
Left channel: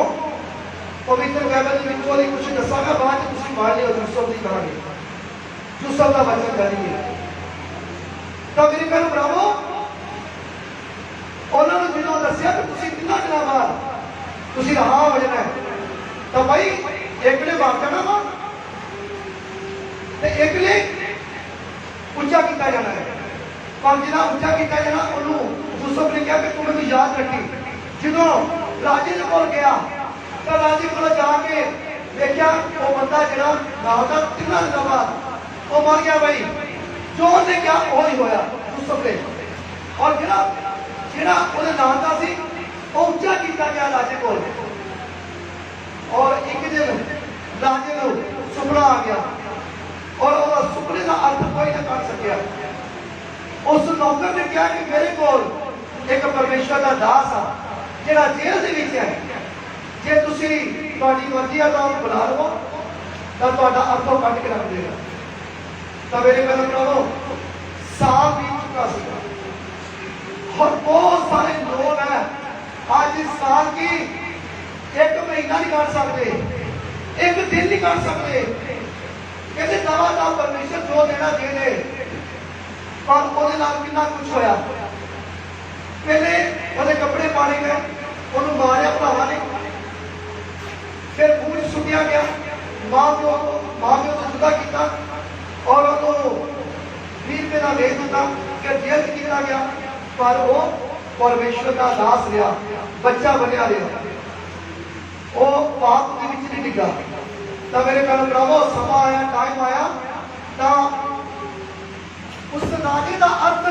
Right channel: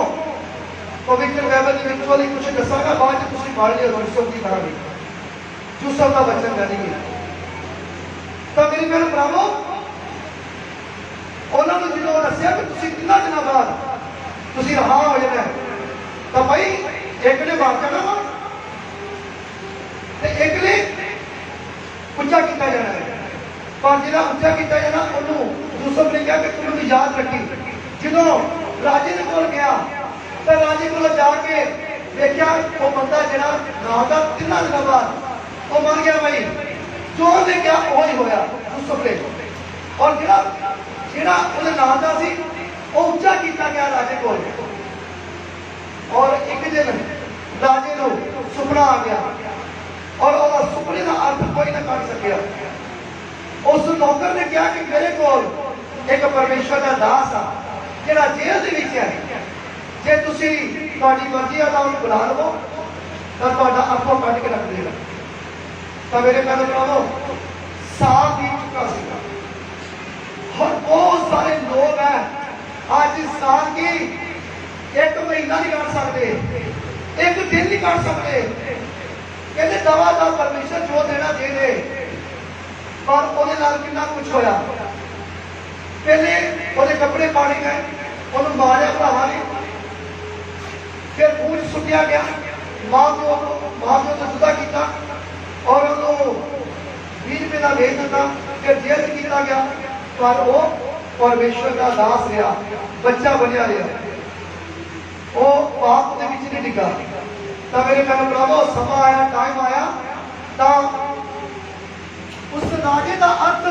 पवित्र बाइबल के विचों दी कुछ दसांगा, बाद च तुसीं पढ़ लिओ। यूसुफ की कहानी, यूसुफ का वचन जानिए। तो मेरे भैन भरावो, उन्होंने जो दसिया कि तुसीं 3 दिनों बाद तुसीं रहा हो जाना है, तो भाई एक ने बात करना वा, एक ने उच्चा किया जाना है। पर जिन्हें उच्चा किया जाना, उन्होंने यूसुफ ने कहा कि तू मैनूं याद रखी। जो राजे के कोल गया तो राजे को जाके देखा वो बंदा जरा नाल दा 3 दिनों बाद वो मर गया। भाई जो ने क्या वही होया यूसुफ ने, और जरा ਉਹਦੇ ਨਾਂ ਦਾ ਸੀ ਉਹ ਉੱਚਾ ਕੀਤਾ ਗਿਆ ਰਾਜੇ ਕੋਲ। ਔਰ ਇੱਕ ਦਿਨ ਰਾਜੇ ਨੂੰ ਸੁਪਨਾ ਆ ਗਿਆ, ਔਰ ਉਹਦਾ ਸੁਪਨੇ ਦਾ ਅਰਥ ਕੋਈ ਨਾ ਕਰ ਸਕਿਆ। ਉਸ ਨੌਕਰ ਨੇ ਕਿਹਾ ਕਿ ਮੇਰੇ ਕੋਲ ਇੱਕ ਪਰਮੇਸ਼ਰ ਦਾ ਦਾਸ ਆ ਜਿਹੜਾ ਜੇਲ੍ਹ ਦੇ ਵਿੱਚ ਹੈ, ਜੇ ਤੁਸੀਂ ਤੁਹਾਡੀ ਮਰਜ਼ੀ ਆ ਤਾਂ ਉਹਨੂੰ ਬੁਲਾ ਲਵੋ ਤਾਂ ਤੁਹਾਡਾ ਆਪੋ ਕੱਢ ਕੇ ਰੱਖ ਦੇਗਾ। ਤਾਂ ਮੇਰੇ ਨਾਲ ਕਹੋ ਸਾਲ ਬੀਤ ਚੁੱਕਾ ਸੀ और बहुत सारे लोग हैं आज इस साल की 1 महीना नहीं काट सकते, 1 दिन नहीं काट सकते। कहते दवा दा परमेश्वर जो देना दे दे, पर ਉਹਦੇ ਨਾਲ कितना कुछ होया। पहले ਉਹਦੇ कपड़े पाड़े गए, ਉਹਨੂੰ मारिया भरावां ने, फिर खून सुटिया गया, मां प्यो तो जुदा किया और ਉਹਨੂੰ 20 रुपए का भेज दिता, फिर जेल किया गया। पर वो परमेश्वर का दास रहा, बच्चा बनया रहा, वो पाप के विच नहीं डिगा। तो मेरे भैन भरावो, समा आया, टाइम आया, तो उस राजे का अर्थ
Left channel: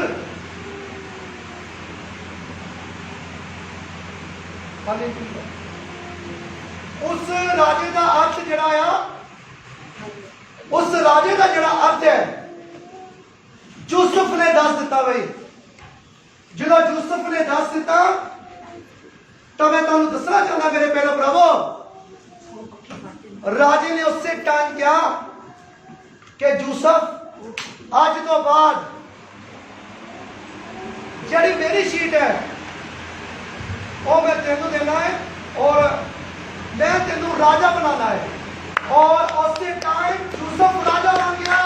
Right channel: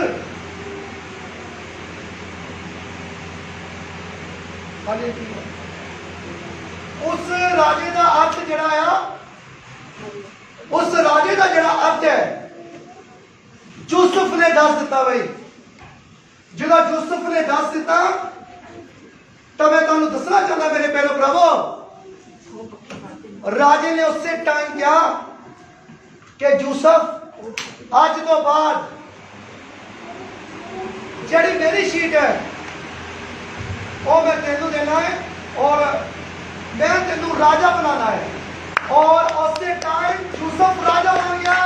उस राजे का अर्थ जड़ा आ, उस राजे का जड़ा अर्थ है यूसुफ ने दस दिता। भाई जो यूसुफ ने दस दिता, तो मैं तुहानू दसना चाहता मेरे भैन भरावो, राजे ने उससे टाइम कहा कि यूसुफ अज तो बाद जड़ी मेरी शीट है वो मैं तेनू देना है और मैं तेनू राजा बनाना है। और उससे टाइम यूसुफ राजा बन गया।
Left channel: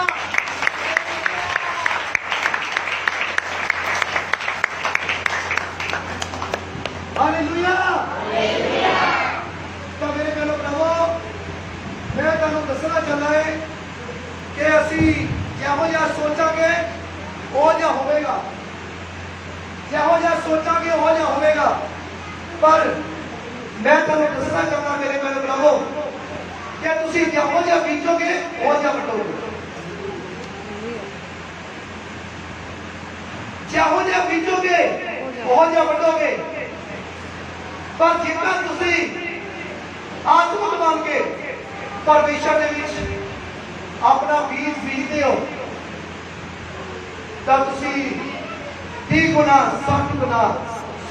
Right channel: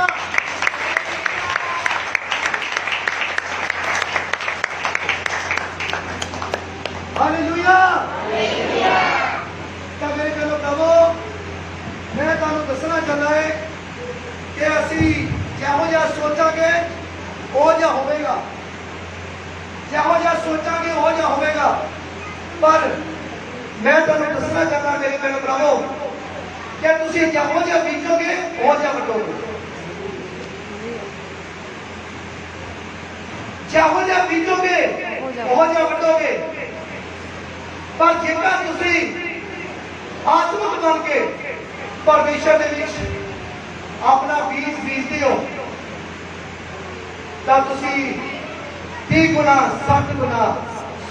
हालेलुया। तो मेरे भैनों भरावो, मैं तुहानू दसना चाहता है कि असी जिहो जिहा सोचांगे उहो जिहा होवेगा, जिहो जिहा सोचांगे उहो जिहा होवेगा। पर मैं तुहानू दसना चाहता मेरे भैनों भरावो कि तुसीं जिहो जिहा बीजोगे उहो जिहा वटोगे, जिहो जिहा बीजोगे उहो जिहा वटोगे। पर जेकर तुसीं आत्मिक बन के परमेश्वर दे विच अपना बीज बीजते हो, तो तुसीं 30 गुना 60 गुना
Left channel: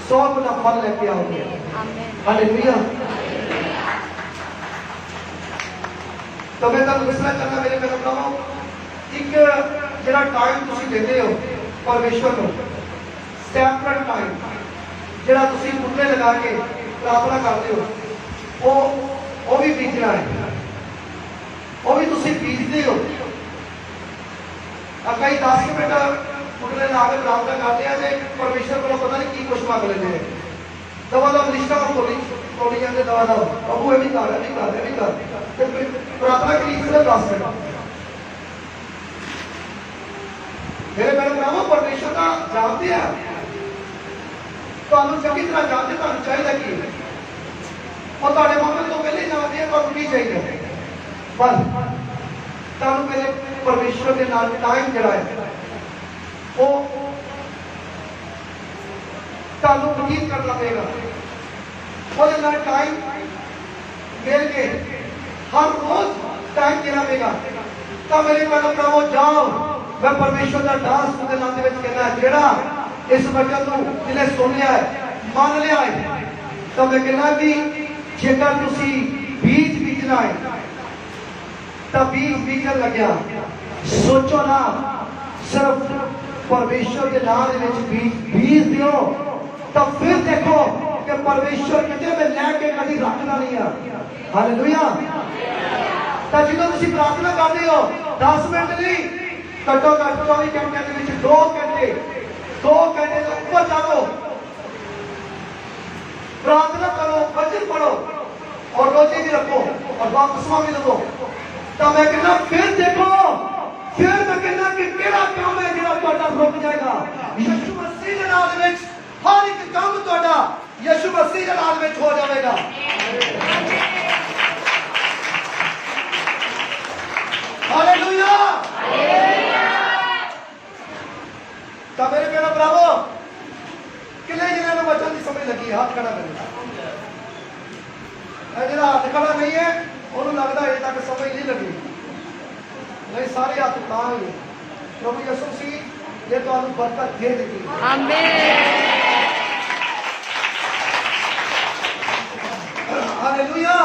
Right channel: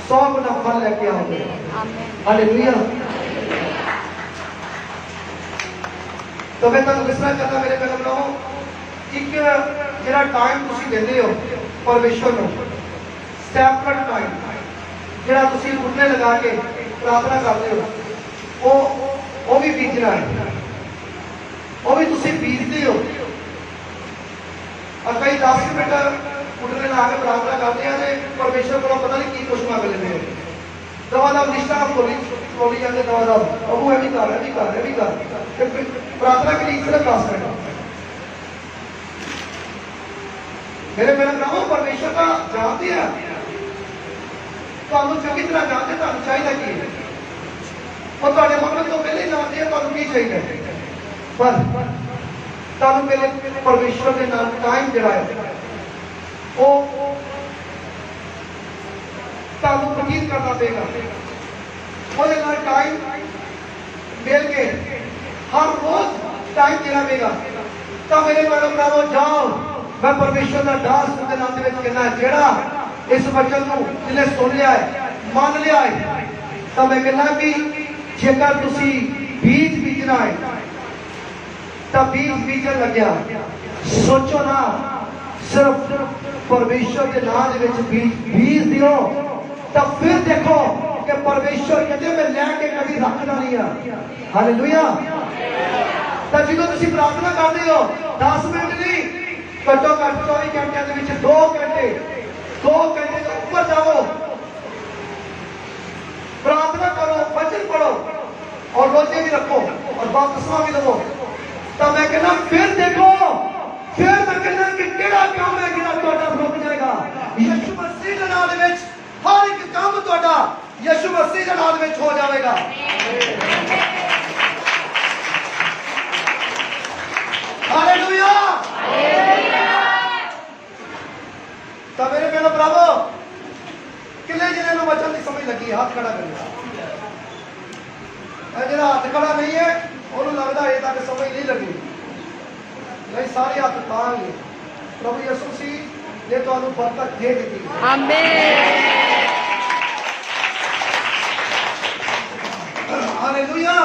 100 गुना फल लेके आओगे। हालेलुया। तो मैं तुहानू दसना चाहता मेरे भैन भरावो, एक जिहड़ा टाइम तुसीं दिंदे हो परमेश्वर नूं, सैपरेट टाइम जिहड़ा तुसीं मुंडे लगा के प्रार्थना करते हो, वो भी बीजना है, वो भी तुसीं बीजते हो। कई 10 मिनट मुंडे ला के प्रार्थना करते हैं, परमेश्वर को पता नहीं की कुछ मंग लेते हैं। दवा दम रिश्ता तोड़ी जाते, दवा दम प्रभु ये भी कर, ये भी कर, ये भी कर, प्रार्थना के लिए सिर्फ 10 मिनट। मेरे भैन भरावो, परमेश्वर का जानते हैं, ਤੁਹਾਨੂੰ ਚੰਗੀ ਤਰ੍ਹਾਂ ਜਾਣਦੇ ਤੁਹਾਨੂੰ ਚਾਹੀਦਾ ਕੀ ਹੈ, ਉਹ ਤੁਹਾਡੇ ਮਨ ਤੋਂ ਪਹਿਲੇ ਜਾਣਦੇ ਤੁਹਾਨੂੰ ਕੀ ਚਾਹੀਦਾ। ਪਰ ਤੁਹਾਨੂੰ ਪਹਿਲੇ ਪਰਮੇਸ਼ਵਰ ਦੇ ਨਾਲ ਟਾਈਮ ਜਿਹੜਾ ਹੈ ਉਹ ਤੁਹਾਨੂੰ ਬਤੀਤ ਕਰਨਾ ਪਏਗਾ। ਉਹਦੇ ਨਾਲ ਟਾਈਮ ਮਿਲ ਕੇ ਹਰ ਰੋਜ਼ ਟਾਈਮ ਦੇਣਾ ਪਏਗਾ। ਤਾਂ ਮੇਰੇ ਭਰਾਵੋ ਜਾਓ, मैं परमेश्वर का दास के नाम के कहना है, जेड़ा इस वचन को जिन्हें सुन लिया है, मान लिया है, तो मैं कहना भी जेकर तुसी बीज बीजना है तो बीज बीजन लग्या, सोचो ना सिर्फ परमेश्वर के नाम बीज दियो तो फिर देखो कि परमेश्वर कहते मैं लैके कभी रखना नहीं है। हालेलुया। तो जो तुम प्रार्थना करते हो 10 मिनट नहीं, घट्टो घट 24 घंटे के 2 घंटे तो ऊपर जाओ, प्रार्थना करो, वचन पढ़ो और रोजे भी रखो और बपतिस्मा भी लो। तो मैं कहना फिर देखो, फिर मैं कहना कि केड़ा काम है जिहड़ा तुहाडा रुक जाएगा। यीशु मसीह दे नाम विच हर एक काम तुहाडा यीशु मसीह दे नाम विच हो जाएगा। हालेलुया। तो मेरे प्यारे भरावो, किन्ने जिन्होंने वचन की समझ लगी हाथ खड़ा करेगा। जो हाथ खड़ा नहीं है उन्होंने लगता अजे तक समझ नहीं लगी। नहीं, सारे हाथ तां ही प्रभु यीशु मसीह ये तो बरकत दे देगी। हालेलुया।